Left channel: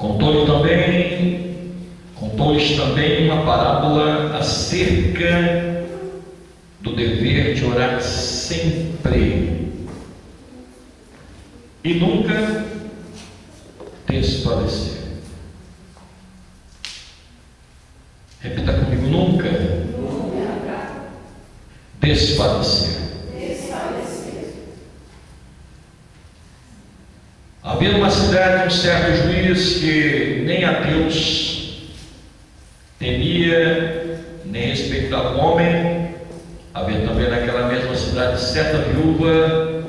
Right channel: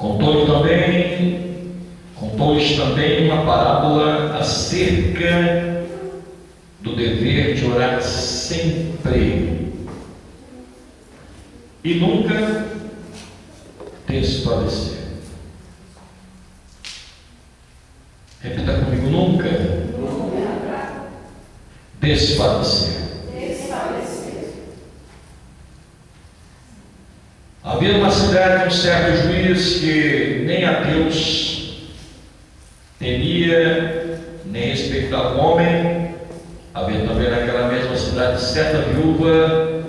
Contou-lhes também uma parábola acerca do dever de orar sempre e nunca desfalecer. Repita comigo: nunca desfalecer. Havia numa cidade um certo juiz que nem a Deus temia, nem respeitava o homem. Havia também naquela mesma cidade certa viúva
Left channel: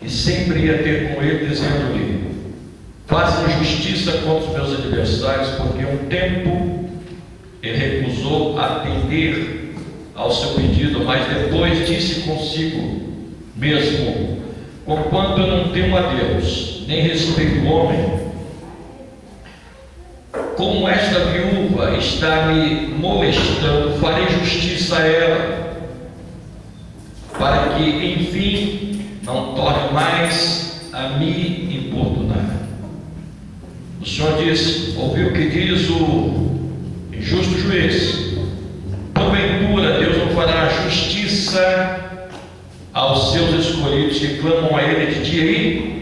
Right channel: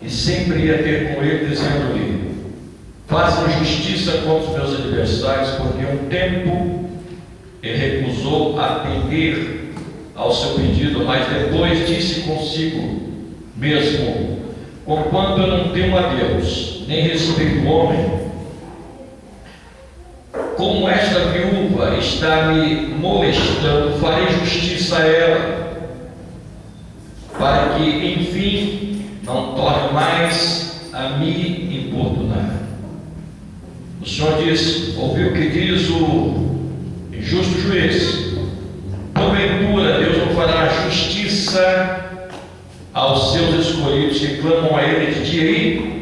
que sempre ia ter com ele, dizendo-lhe: faça justiça contra os meus adversários, porque um tempo ele recusou atender ao seu pedido, mas depois disse consigo mesmo: conquanto eu não temo a Deus, nem respeito o homem, como esta viúva está me molestando, farei justiça a ela, para que, enfim, não torne mais a me importunar. O Senhor diz: ouviu o que diz o injusto juiz? Porventura Deus não fará justiça aos seus escolhidos que clamam a Ele de dia e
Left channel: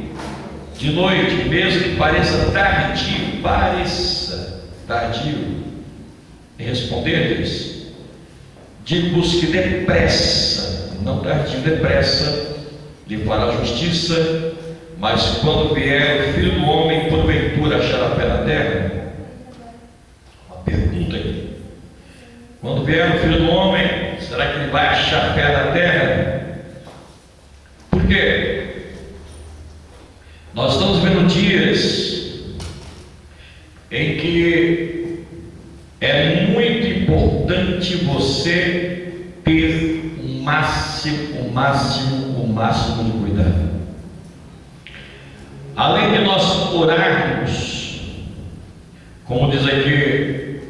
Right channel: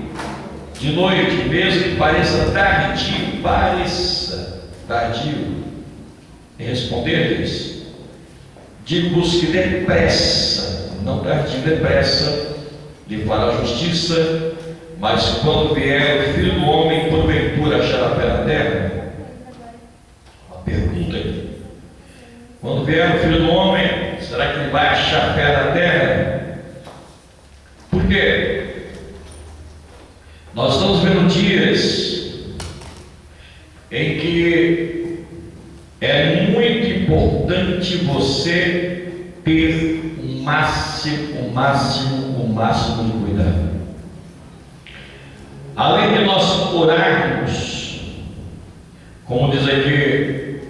de noite, mesmo que pareça tardio em responder-lhes? Digo-vos que depressa, não tardio, depressa, lhe fará justiça. Mas quando vier o Filho do Homem, porventura achará fé na terra? Uma pergunta aqui. Quando vier o Filho do Homem, será que ele vai achar fé na terra? Por quê? Nós estamos vendo dias em que é muito importante você ter o máximo de cuidado. Além de nós orarmos, como diz aqui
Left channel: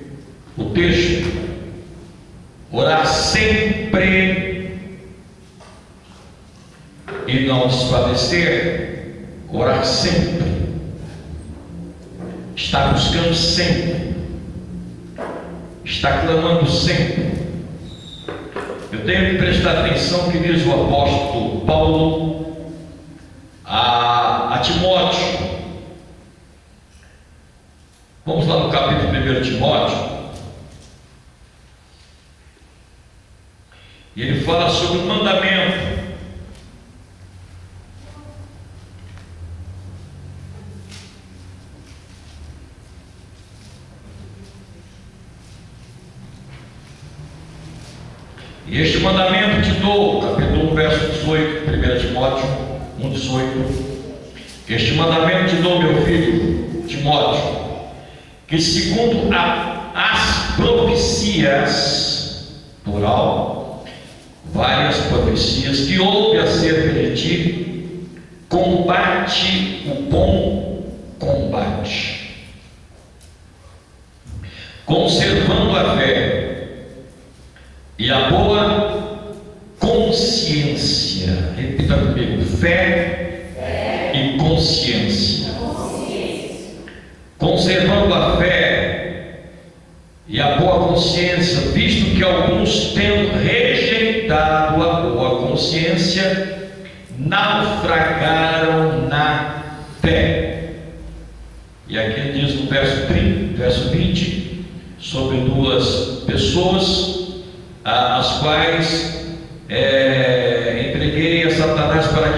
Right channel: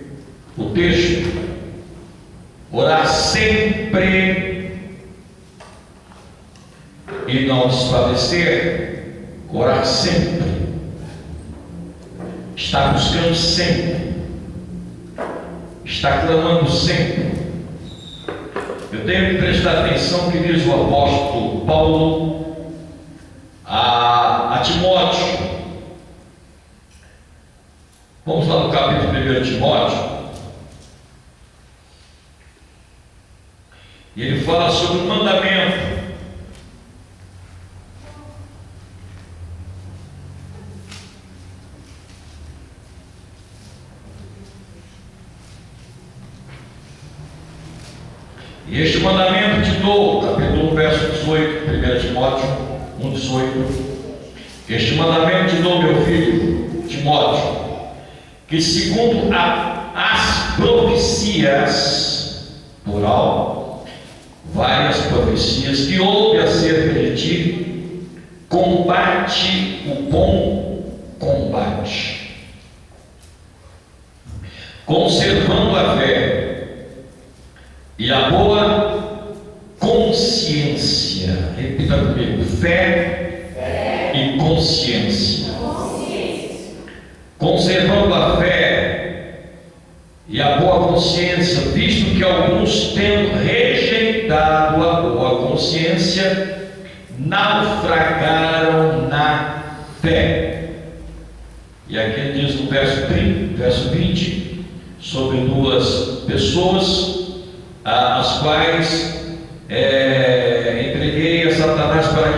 o texto, orar sempre e não desfalecer, orar sempre, estar buscando sempre, estar clamando sempre. Eu tenho que prestar atenção que diz o apóstolo Paulo a Timóteo. Vamos lá no capítulo 1 de Timóteo, e ele fala sobre o mandamento. E este mandamento te dou, capítulo 1, verso 18, 1 Timóteo 1,18. Este mandamento te dou, meu filho Timóteo, que segundo as profecias, plural, várias profecias que houve acerca de ti, combate o bom combate, conservando a fé e a boa consciência. Repita comigo: fé e consciência. Conservando a fé e a boa consciência, visto que alguns, tendo rejeitado a boa consciência, naufragaram na fé. E aqui ele diz no verso 20, sobre duas pessoas, as quais entreguei a Satanás para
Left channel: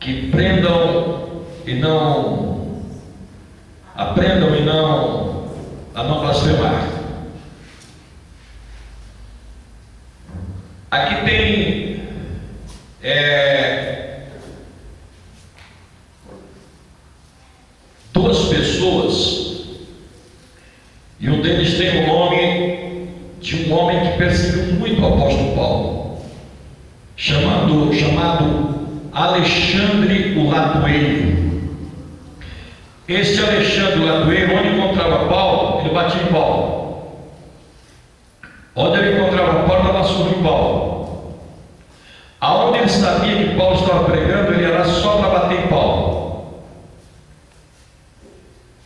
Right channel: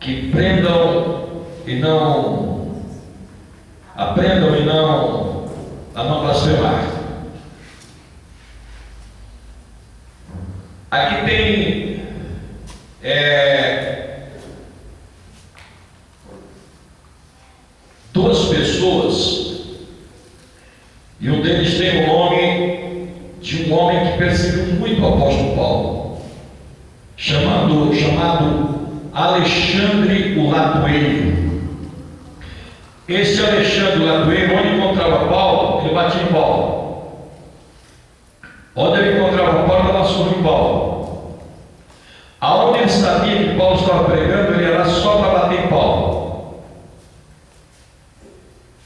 que aprendam e não blasfemar. Aqui tem duas pessoas, e um deles tem o nome de um homem que perseguiu muito o apóstolo Paulo, chamado Alexandre o Latoeiro. Este Alexandre o Latoeiro, onde encontrava Paulo, ele batia em Paulo. Onde ele encontrava Paulo, dava surra em Paulo. Aonde ele sabia que Paulo estava pregando, ele era só para bater em Paulo.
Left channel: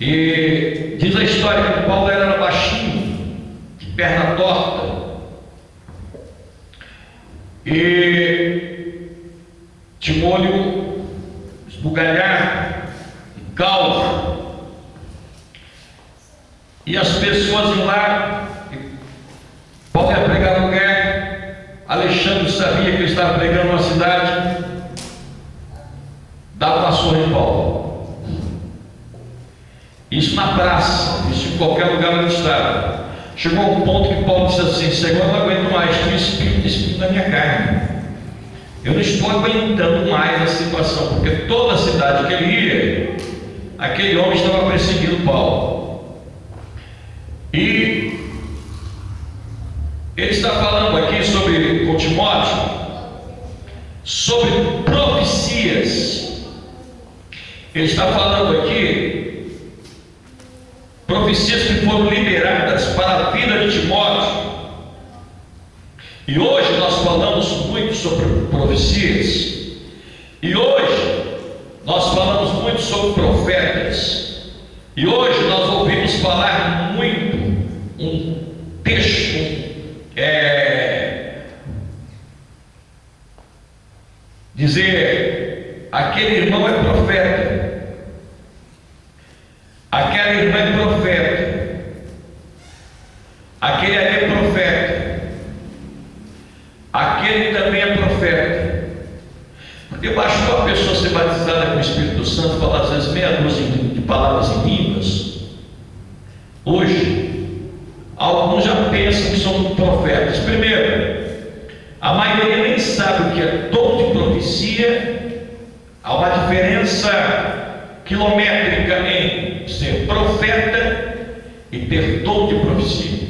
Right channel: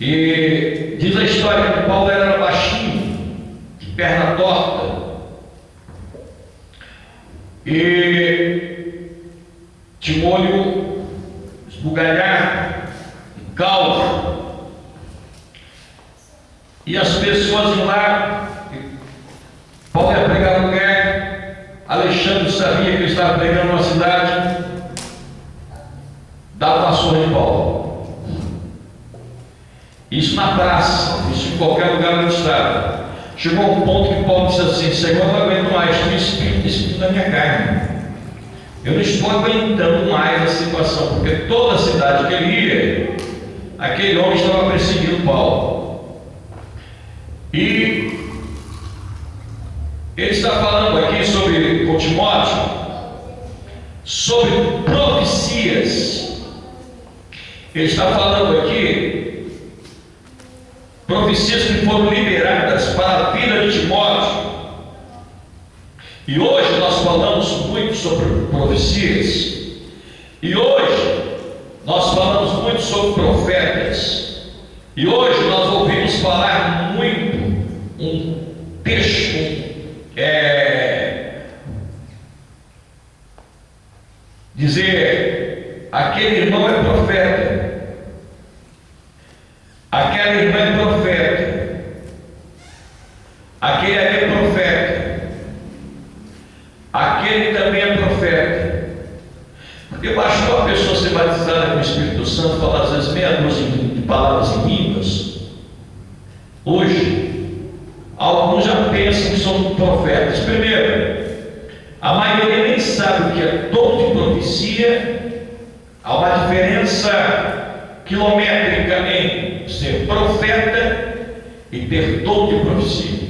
E diz a história que Paulo era baixinho, de perna torta, e tinha um olho esbugalhado, calvo. E as pessoas iam lá, Paulo ia pregar no lugar, Alexandre sabia que ele estava pregando numa cidade, dava uma surra em Paulo. Isso na praça, isso em qualquer lugar onde estava. Chegou a um ponto que Paulo disse assim: Senhor, eu não aguento mais, tem espírito na minha carne. Eu não estou aguentando mais a situação, porque toda a cidade que ele ia, aquele homem estava perseguindo Paulo. E ele está falando aqui sobre, com Timóteo, sobre profecias. Ele está falando aqui profecias que foram liberadas para a vida de Timóteo. E hoje nós falamos muito sobre profecias. E hoje nós falamos muito sobre profetas. E hoje nós ouvimos falar muito um texto, dizer: aquele irmão é profeta, aquela irmã é profeta, aquele ali é profeta, aquele também é profeta. Porque bastou a pessoa ser batizada com o Espírito Santo, falar às vezes meia dúzia de palavras em línguas. Hoje alguns já pensam que são profetas. Primeiro, a maioria nem sabe o que é dom de profecia. Há uma diferença quilométrica em ser profeta e ter dom de profecia.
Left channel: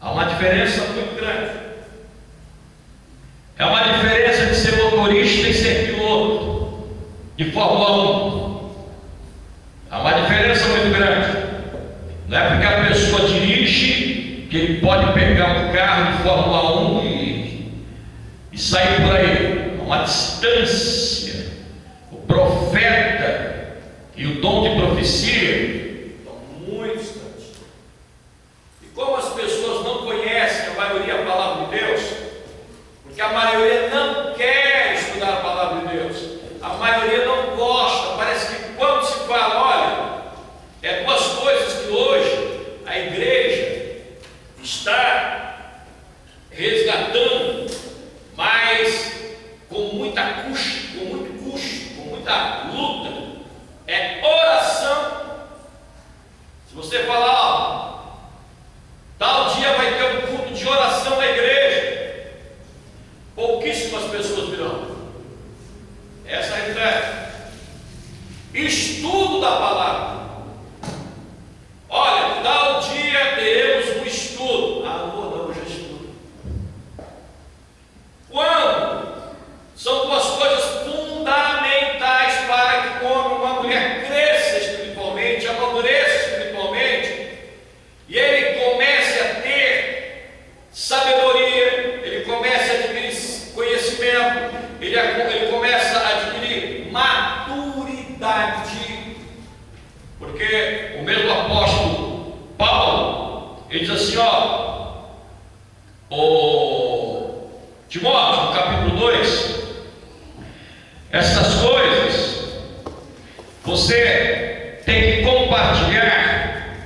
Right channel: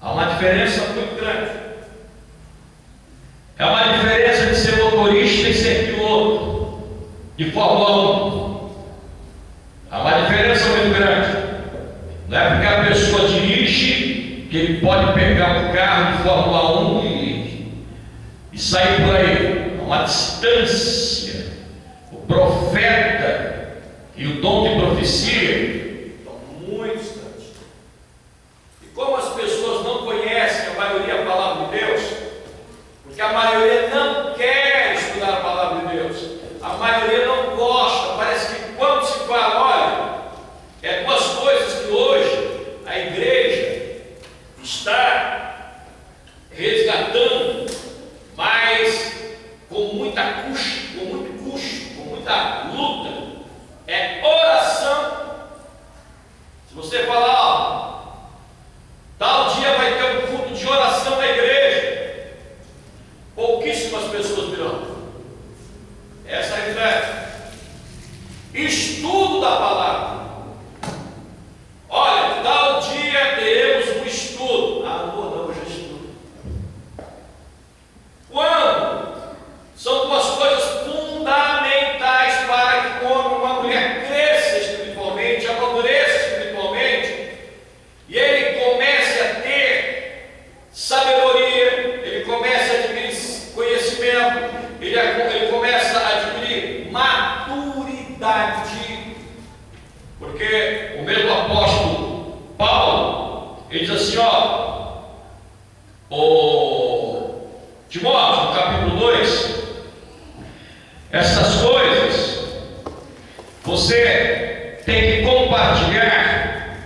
Há uma diferença muito grande. É uma diferença de ser motorista e ser piloto de Fórmula 1. Há uma diferença muito grande. Não é porque a pessoa dirige que ele pode pegar um carro de Fórmula 1 e sair por aí. Há uma distância. O profeta e o dom de profecia estão muito distantes. E como as pessoas não conhecem a maioria a palavra de Deus, porque a maioria não quer estudar a palavra de Deus, a maioria não gosta. Parece que quando se fala, olha, é duas coisas que hoje a igreja está resgatando, mas com muita custo, com muito custo, com muita luta, é oração. Se você falar, ó, tal dia vai ter um culto de oração na igreja, pouquíssimas pessoas virão. Essa é a realidade. Estudo da palavra. Olha, tal dia teremos um estudo. Ah, não, hoje é estudo. Quando? São duas coisas fundamentais para que quando uma mulher cresça espiritualmente, amadureça espiritualmente, e ele comece a ter sabedoria, ele comece a adquirir conhecimento, ele começa a adquirir maturidade. Porque o mesmo apóstolo Paulo, ele diz assim, ó, o Timóteo, no capítulo 2, essas coisas você tem que compartilhar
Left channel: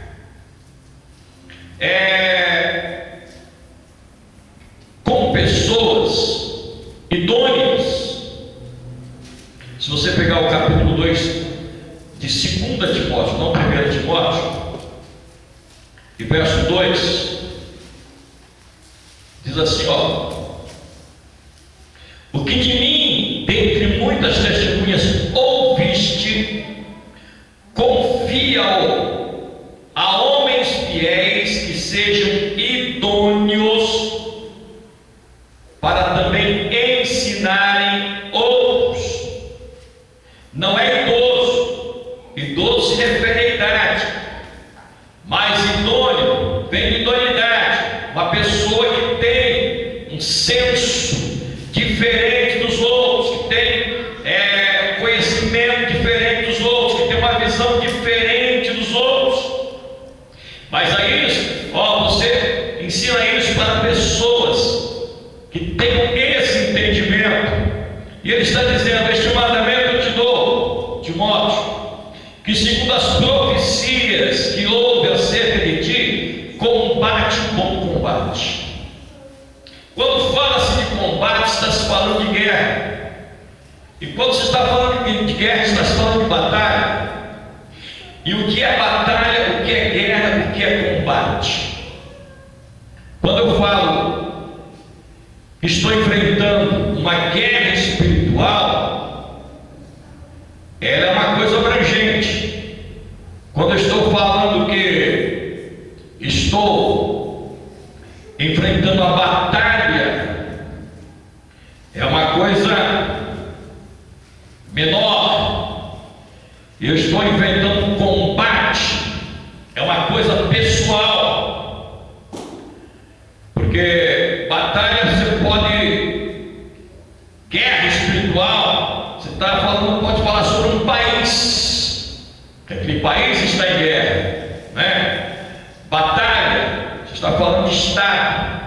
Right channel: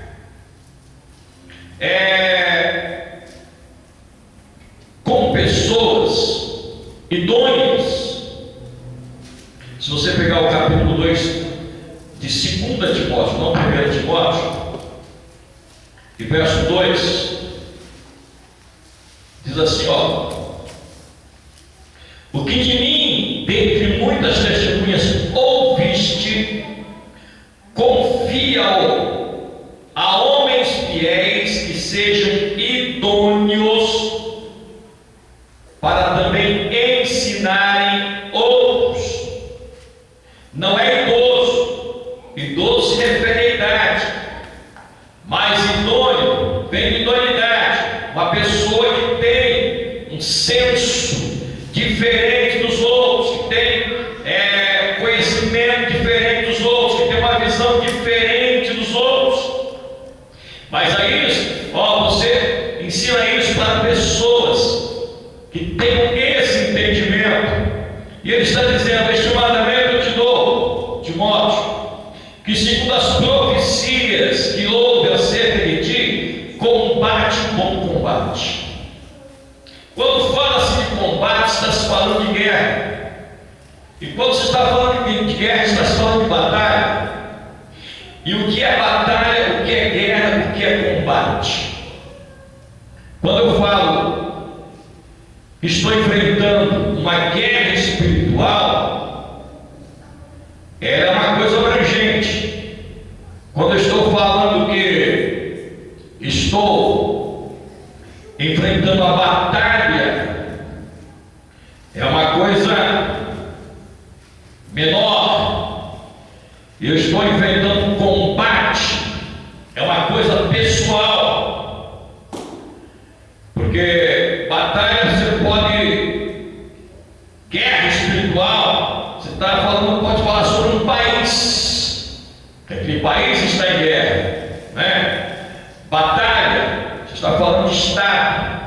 com pessoas idôneas. Se você pegar o capítulo 2 de 2 Timóteo, não 1 Timóteo, e verso 2, diz assim, ó: o que de mim, dentre muitas testemunhas, ouviste, confia-o a homens fiéis que sejam idôneos para também ensinarem outros. Não é idoso se refere à idade, mas idôneo vem de idoneidade, uma pessoa que tem um senso diferente dos outros, que tem conhecimento diferente dos outros, que tem uma E ele está dizendo: este mandamento eu te dou, Timóteo, que segundo as profecias que houve acerca de ti, combate o bom combate. Quando fala-se de combate, está se falando de guerra. E quando se está falando de guerra, está se falando de batalha. E o que é batalha, o que é guerra, o que é combate? Quando eu falo que estou enfrentando uma guerra espiritual, ela é uma coisa abrangente. Quando eu estou falando que estou enfrentando a batalha, é uma coisa menor. Eu estou enfrentando um combate, é uma coisa pessoal. Porque batalha você pode, guerra espiritual, você está falando, pode falar sobre um país, que aquele país está em guerra, né? Batalha, você está falando de estado.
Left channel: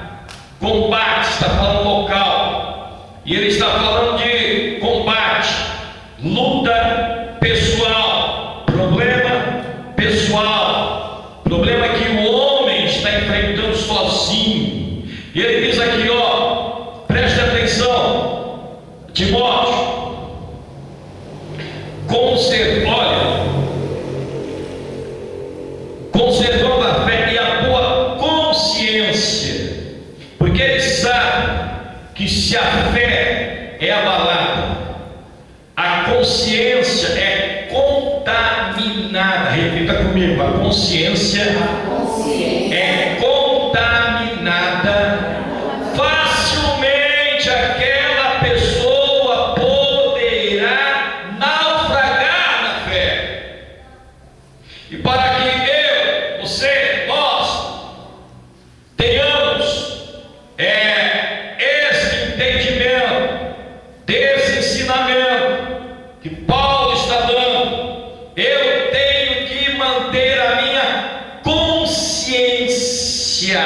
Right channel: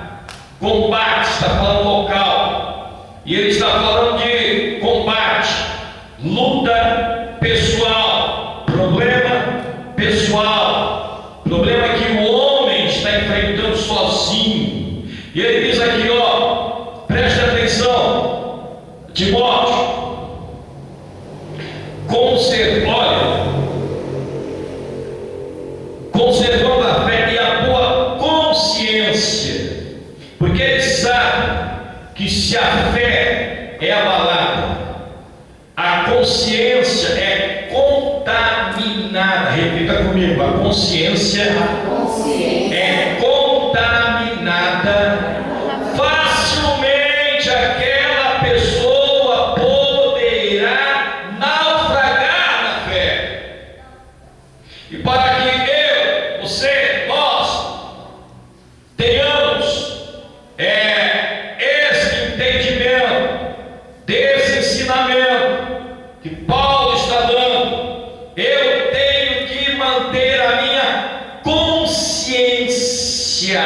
Combate, você está falando local. E ele está falando de combate, luta pessoal, problema pessoal, problema que o homem está enfrentando sozinho. E ele diz aqui, ó, preste atenção, Timóteo, conservando a fé e a boa consciência, porque ele sabe que se a fé é abalada, a consciência é contaminada. Repita comigo: a consciência é contaminada. Facilmente aquela pessoa poderá naufragar na fé. E para que eu, você, nós tenhamos esse entendimento, desse ensinamento que Paulo está dando, eu tenho que manter a minha consciência,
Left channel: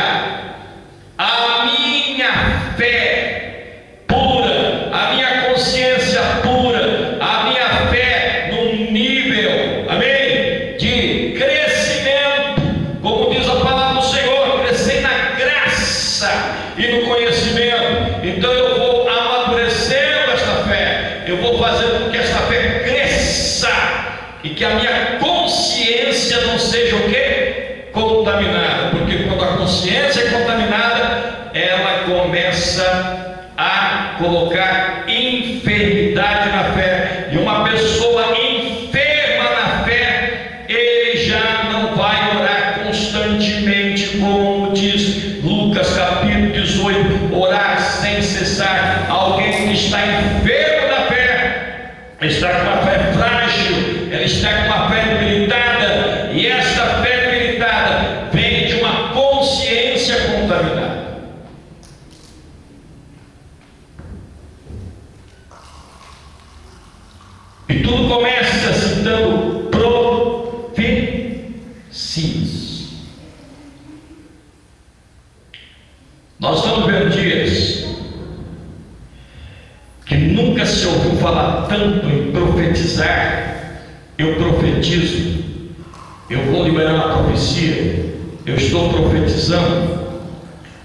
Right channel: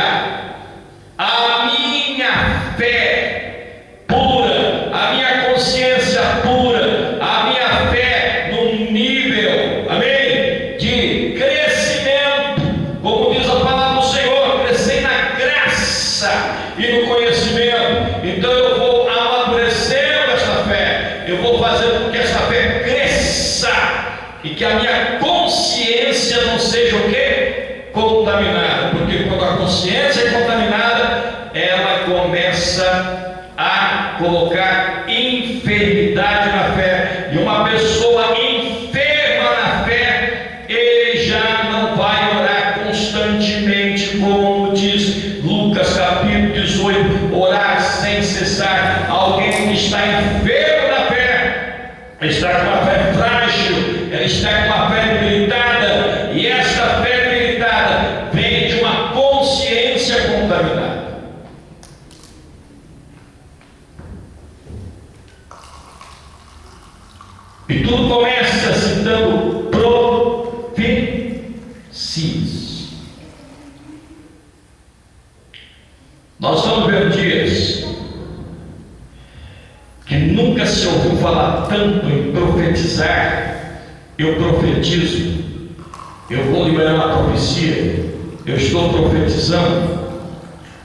a minha fé pura, a minha consciência pura, a minha fé num nível, amém, de crescimento, como diz a palavra do Senhor, crescer na graça e no conhecimento. Então eu vou amadurecendo esta fé, eu vou fazendo com que esta fé cresça e que a minha consciência não seja o quê? Contaminada. Porque quando a consciência é contaminada, ela começa a colocar enfermidade na fé. E uma pessoa enferma na fé, ele já não vai orar constantemente, como diz Lucas capítulo 18, orar sem cessar. Alguém que está enfermo na fé, está com a fé frágil, ela está com a fé debilitada, e esta fé debilitada vem de uma consciência contaminada. E tudo começa citando profecias. Nós estamos vendo dias que nunca se ouviu falar tanto em profetizar. Eu profetizo, eu vou liberar uma profecia, eu estou profetizando.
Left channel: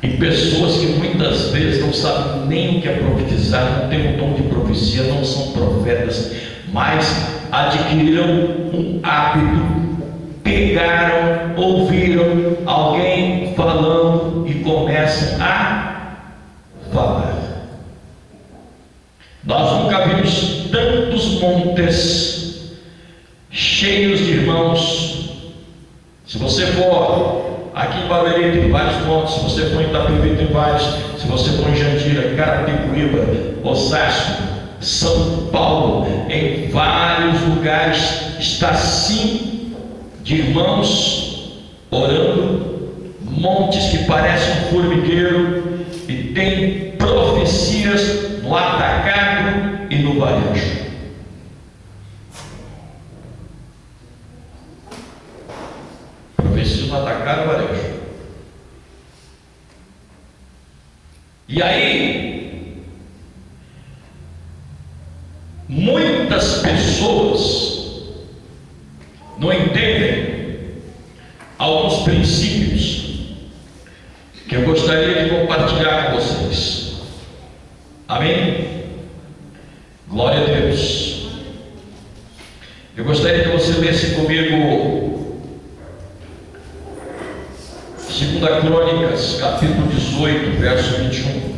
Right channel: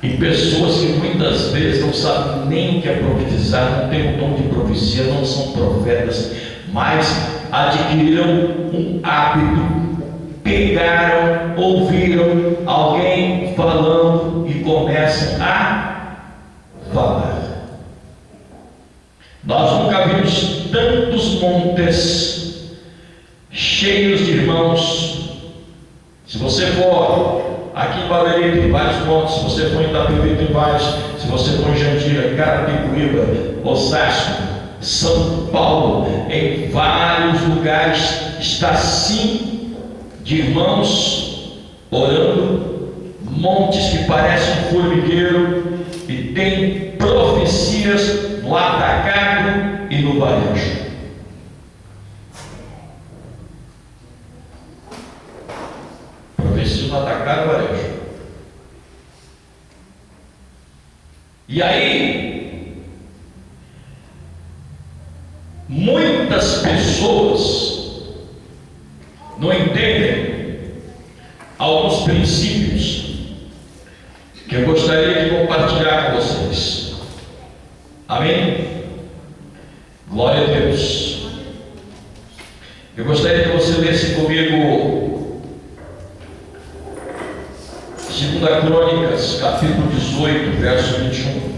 E pessoas que muitas vezes não sabem nem o que é profetizar, não têm o dom de profecia, não são profetas, mas adquiriram um hábito, pegaram, ouviram alguém falando e começam a falar. Nós nunca vimos tantos montes cheios de irmãos. Se você for aqui em Barueri, tem vários montes. Se você for em Itapevi, tem vários. Se você for em Jandira, Carapicuíba, Osasco, São Paulo, em vários lugares está assim de irmãos orando, montes que parecem um formigueiro, e tem profecias no atacado e no varejo. Profecias no atacado e varejo. E aí muitas pessoas não entendem alguns princípios que eu gostaria de compartilhar com vocês. Amém? Glória a Deus. Eu gostaria que você lesse comigo 2 Crônicas, capítulo 18, verso 21.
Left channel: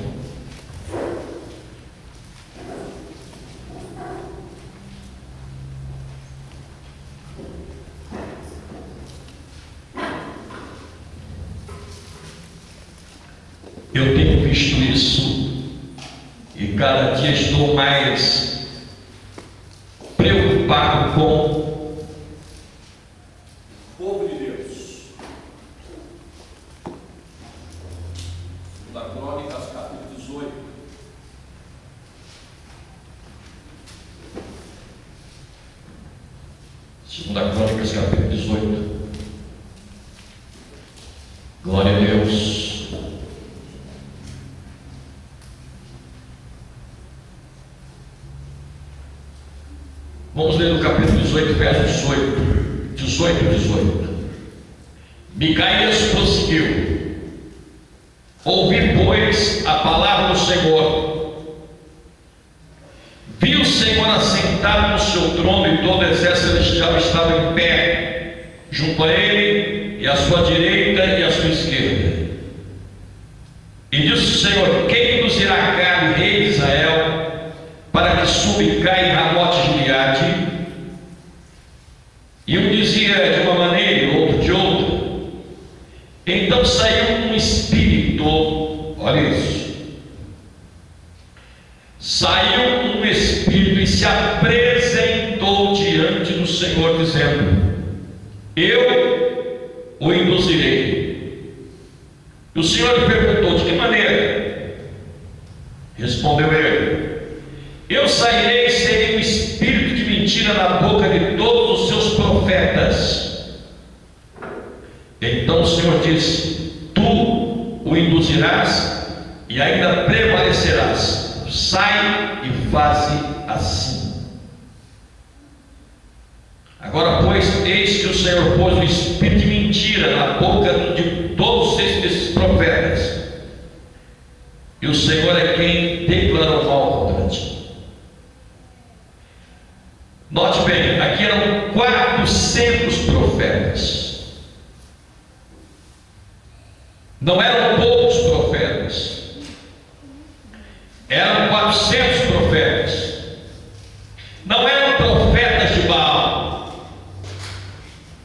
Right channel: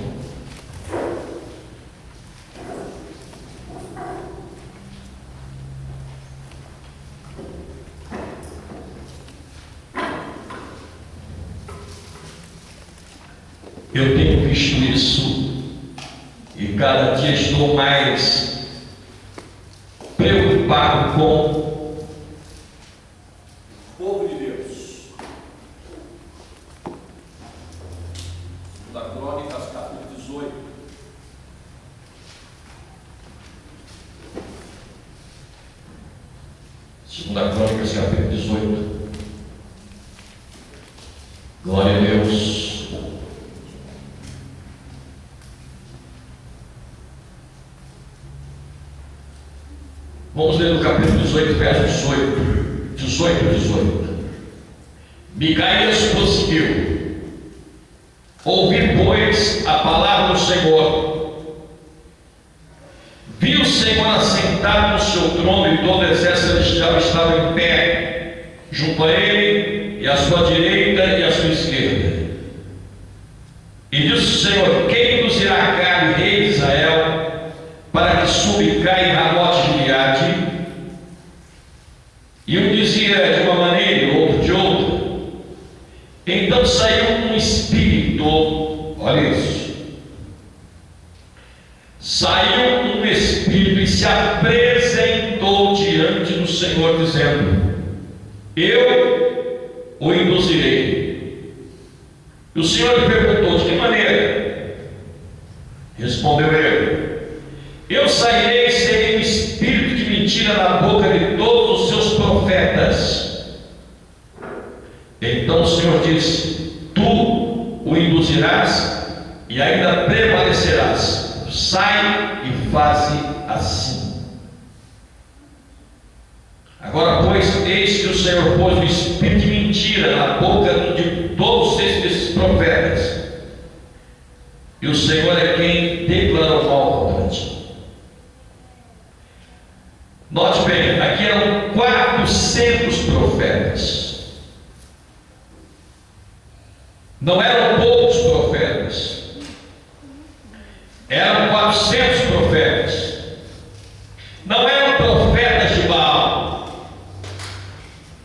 Eu tenho visto isso e cada dia estou mais preocupado com o povo de Deus. 2 Crônicas, capítulo 18. Segunda Crônicas, capítulo 18. Glória a Deus. Vamos ler no capítulo 18, verso 18. Micaías prosseguiu: ouvi, pois, a palavra do Senhor. Vi o Senhor assentado no seu trono, e todo o exército celestial estava em pé junto a ele, e à sua direita e à sua esquerda. E disse o Senhor: quem nos irá cá, rei de Israel, para que suba e caia em Ramote Gileade? E um dizia de uma maneira, o outro de outra. Então saiu um espírito, olha isso, saiu um espírito e se apresentou diante do Senhor, dizendo: eu o induzirei. E o Senhor lhe perguntou: de que maneira? Respondeu ele: eu sairei e serei um espírito de mentira na boca de todos os seus profetas. Então o Senhor disse: tu o induzirás e ainda prevalecerás. Sai e faze assim. Agora, pois, eis que o Senhor pôs um espírito de mentira na boca de todos esses profetas, e o Senhor é quem declarou mal contra ti. Note bem, aqui eram 400 profetas. Não eram poucos profetas. Eram 400 profetas. Não eram profetas de Baal.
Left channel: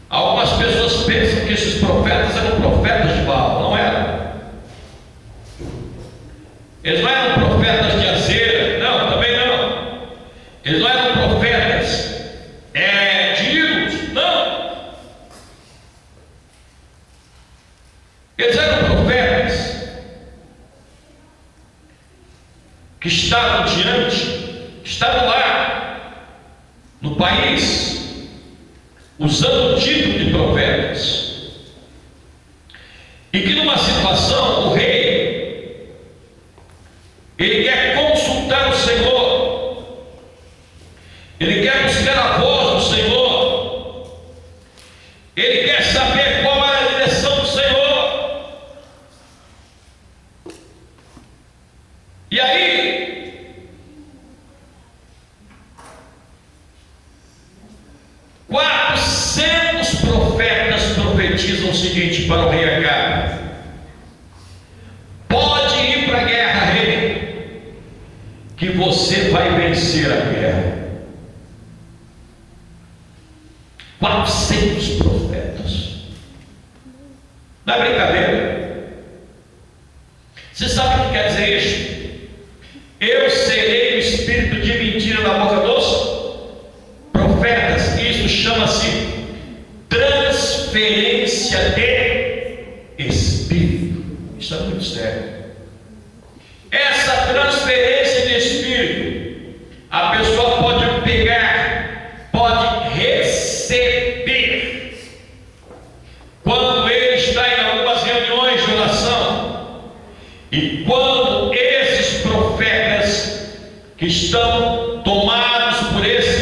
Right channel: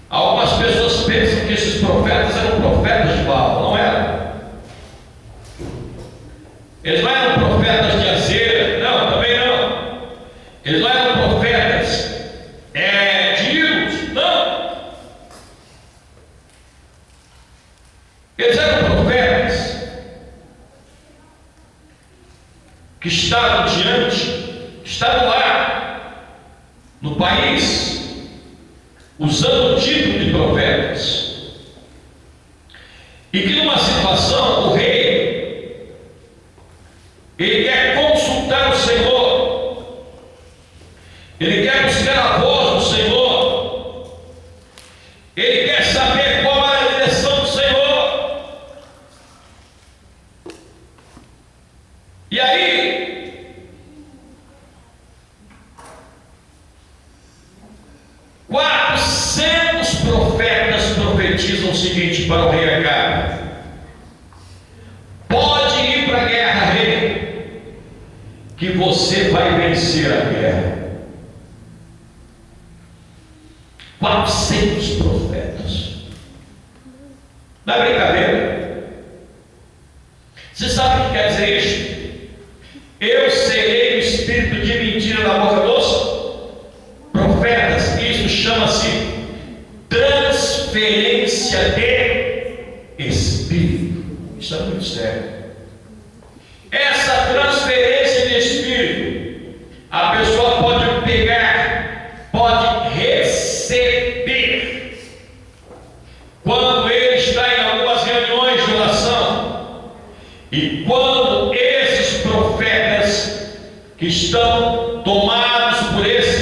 Algumas pessoas pensam que esses profetas eram profetas de Baal. Não eram. Eles não eram profetas de Azera. Não, também não. Eles não eram profetas de ídolos. Não. Eles eram profetas que estavam estavam lá no país, usando o título de profetas, e que numa situação o rei, ele quer consultar o Senhor, ele quer buscar a voz do Senhor, ele quer saber qual é a direção do Senhor. E aí, 400 profetas profetizam o seguinte para o rei Acabe: pode ir para a guerra, rei, que você vai vencer a guerra. 400 profetas. Não é brincadeira. Você sabe o que quer dizer isso? Eu serei o espírito de mentira na boca dos profetas. Isso chama-se transferência de espírito. Isso é muito sério. Essa transferência de espírito, a pessoa pode pegar, pode receber. Quando ele está em algumas reuniões de oração, e quando esses profetas que estão tomados por esse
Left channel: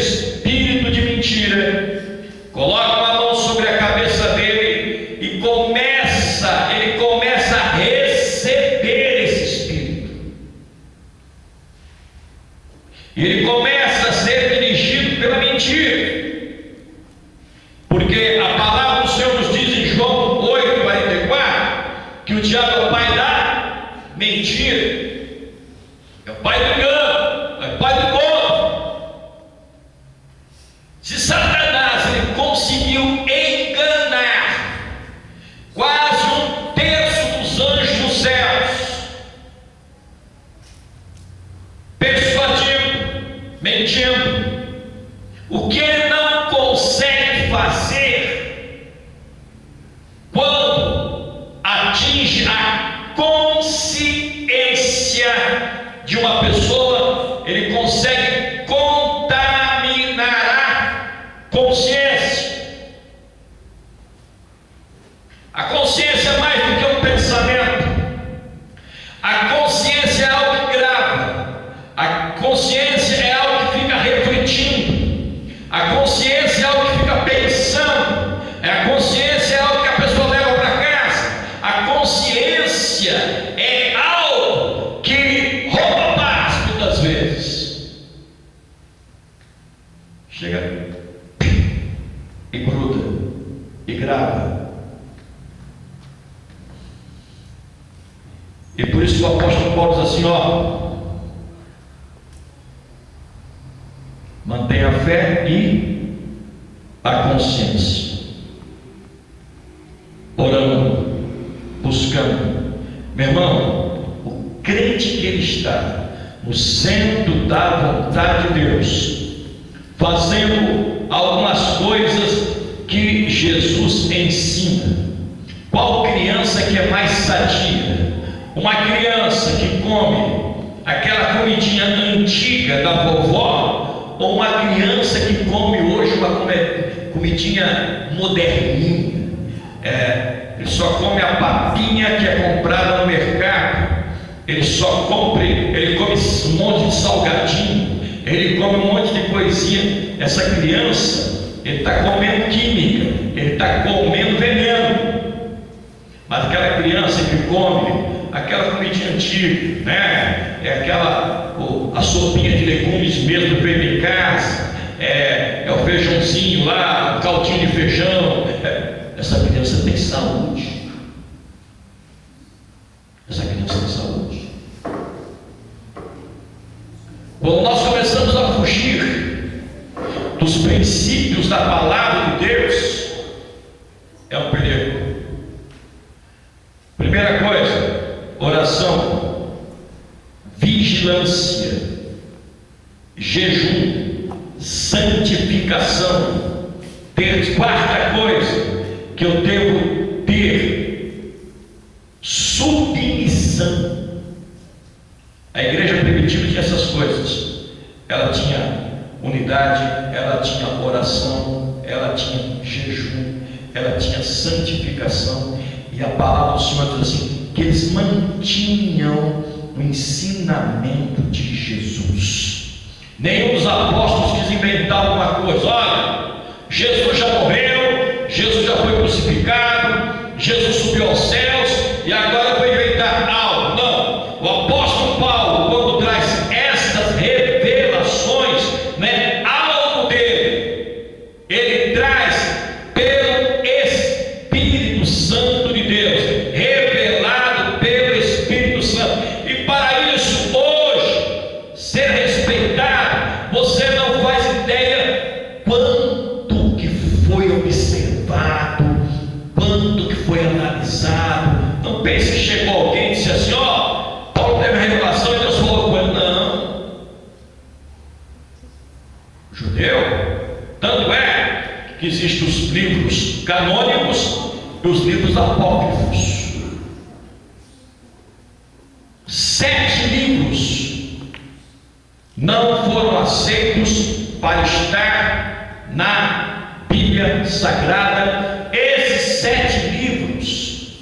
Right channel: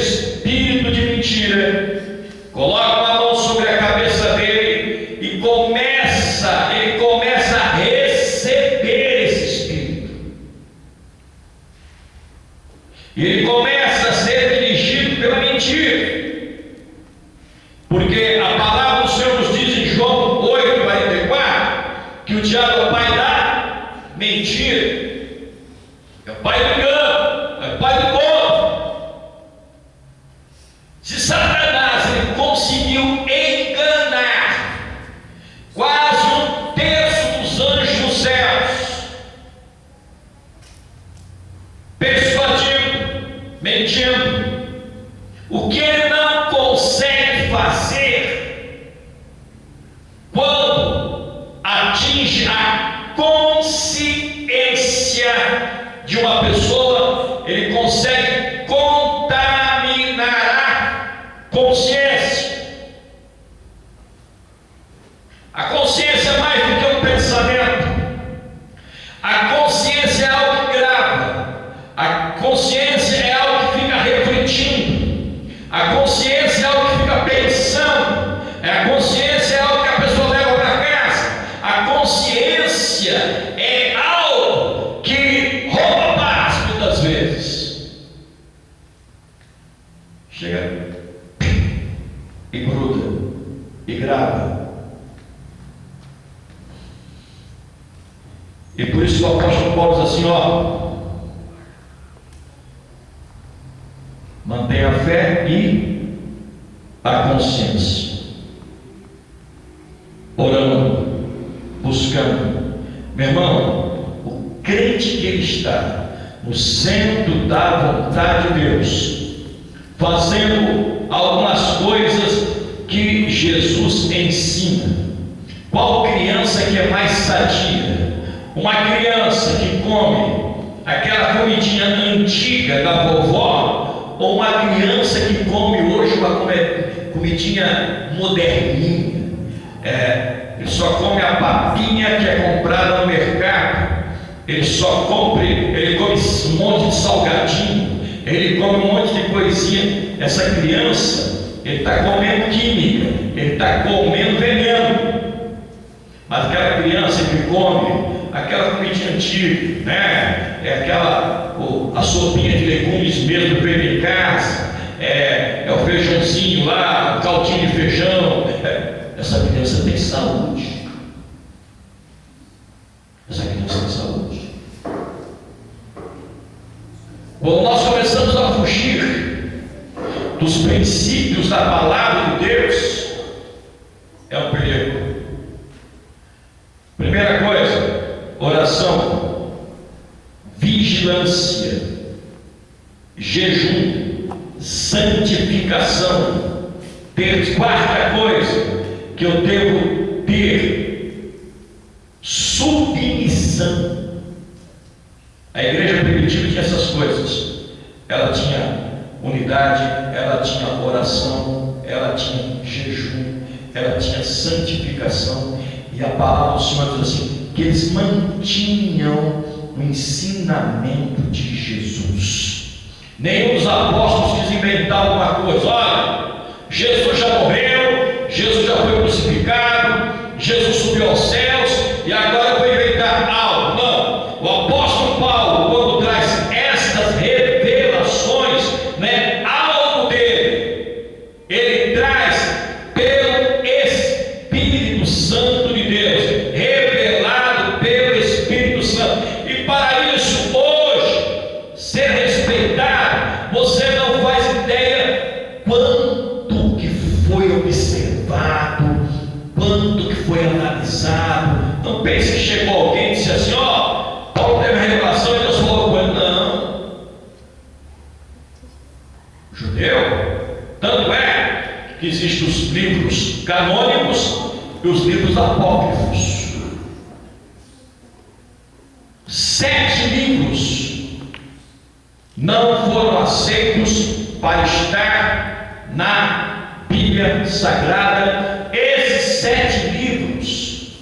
Se Satanás ele conseguiu enganar quase um terço dos anjos dos céus, persuadindo, mentindo, o que ele não consegue fazer quando atinge a consciência de uma pessoa, ele consegue contaminar a consciência. A consciência é mais do que um pensamento. A consciência é algo que grava. A consciência é algo que fica refletindo. A consciência é algo que fica pensando. A consciência é algo que a pessoa leva para casa. A consciência é algo que rouba a paz muitas vezes. Chega e gruda e grava. E por isso o apóstolo Paulo diz assim, mantenha a fé e a consciência, orando, buscando. Meu irmão, o crente que ele está no centro da vontade de Deus, fazendo algumas coisas que Jesus ensina. Qual criança que é mais sadia? Uma criança que come aquela comidinha antiga da vovó, ou uma criança que come hoje uma comidinha moderninha? Ele só come a papinha que é comprada no mercado, ele come um monte de salgadinho, ele come um monte de coisinha. Essa criança, ele está comendo química, ele está comendo veneno. Mas aquela criança que come aquela comidinha antiga, né? A sopinha de legumes mesmo que vem em casa, o feijãozinho lá, o caldinho de feijão. Essa criança tem saúde. Essa criança tem saúde. Quando nós começamos a fugir dos princípios da palavra de Deus, é um perigo. Primeira coisa, oração, vigilância, jejum, santificação. Quarta coisa que eu devo ter, submissão. A igreja primitiva tinha essas coisas. Ela tinha unidade, ela tinha oração, ela tinha jejum, ela tinha santificação. E a palavra do Senhor diz assim, que eles mantinham o ensinamento de Jesus. Nenhum dos apóstolos quis inventar alguma coisa. Olha, Jesus já morreu, Jesus já foi crucificado, Jesus subiu aos céus e agora eu vou inventar algo. Não, o apóstolo Paulo, quando traz estas revelações, algo dele, ele traz pelo Espírito Santo de Deus, revelado pelo Espírito Santo. E para isso, hoje, ser respeitado, você não faz ideia quanto que foi observado, quanto que foi analisado. Não pense que chegou alguém e disse assim, Paulo teve a revelação e Deus falou com ele. Não. Judeu, tanto é que existem os livros canônicos e os livros apócrifos. 7 livros não foram aceitos para estar na Bíblia Sagrada. Esses 7 livros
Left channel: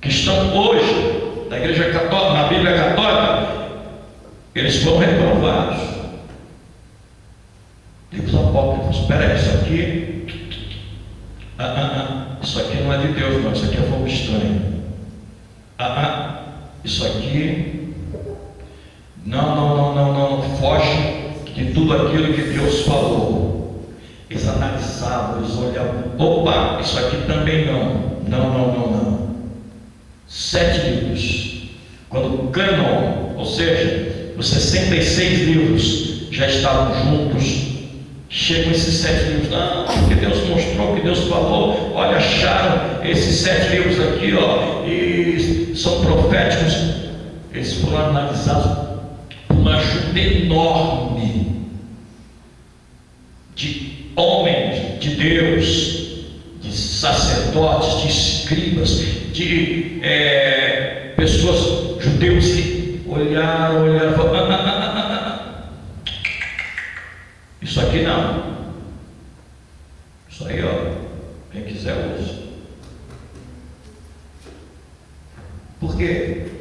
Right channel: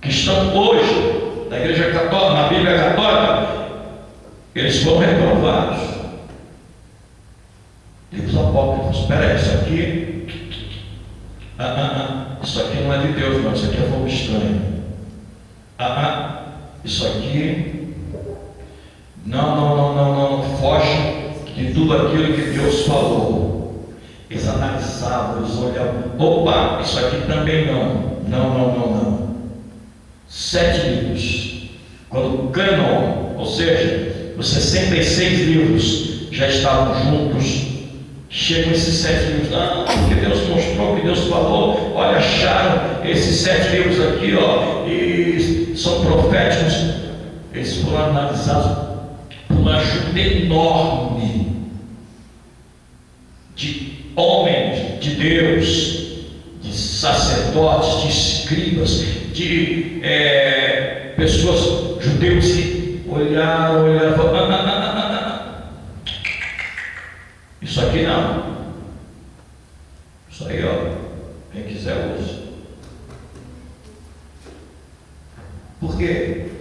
que estão hoje na Igreja Católica, na Bíblia Católica, eles foram reprovados. Livros apócrifos. Espera aí, isso aqui não é de Deus, não. Isso aqui é fogo estranho. Isso aqui não foge de tudo aquilo que Deus falou. Eles analisavam, eles olhavam. Opa, isso aqui também não. Não. 7 livros. Quando o cânon, ou seja, os 66 livros já estavam juntos, chegam esses 7 livros, não, porque Deus mostrou, que Deus falou, olha, acharam esses 7 livros aqui, ó, e são proféticos. Eles foram analisados por uma ajuda enorme de homens de Deus, de sacerdotes, de escribas, de pessoas, judeus que olharam, falaram, isso aqui não, isso aí, ó, quem quiser usa. Por quê?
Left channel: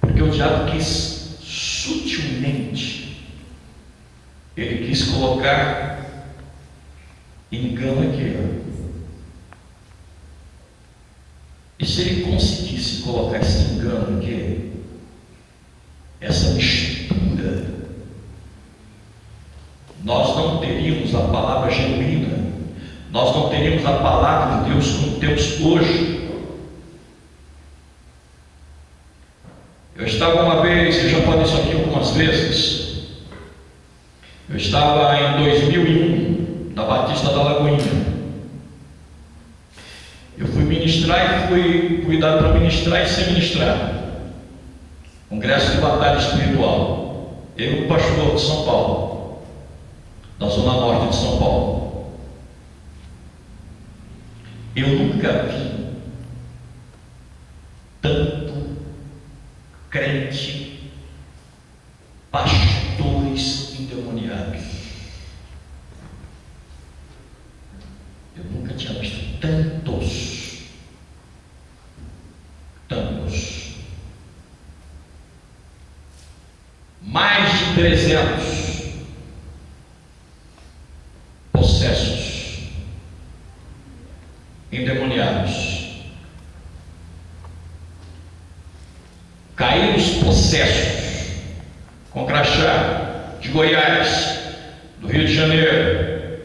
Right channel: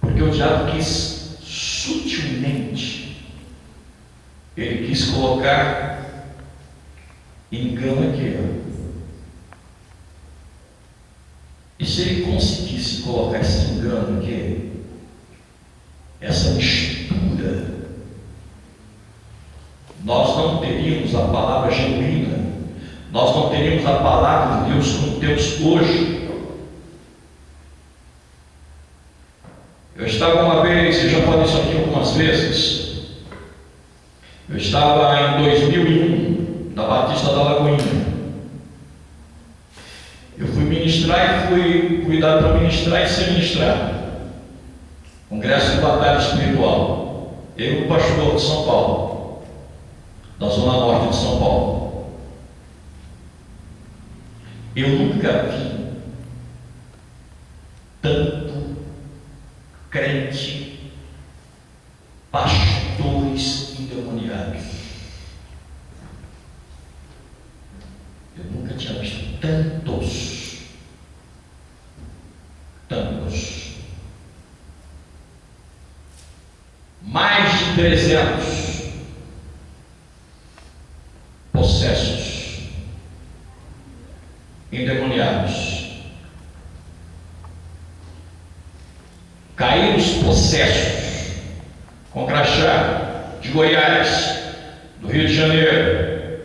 Porque o diabo quis sutilmente, ele quis colocar engano aqui, ó. E se ele conseguisse colocar esse engano aqui, essa mistura, nós não teríamos a palavra genuína, nós não teríamos a palavra de Deus como temos hoje. Eu estava uma vez, eu já falei isso aqui algumas vezes, eu estava em 2001, na Batista da Lagoinha. Eu fui ministrar e fui cuidado para ministrar e ser ministrado. Congresso de Batalha Espiritual. Eu, pastor de São Paulo, da Zona Norte de São Paulo. Eu nunca vi tanto crente, pastores endemoniados. Eu nunca tinha visto tantos. Mais de 300 possessos, endemoniados. Caíram os possessos com crachá de Goiás, do Rio de Janeiro,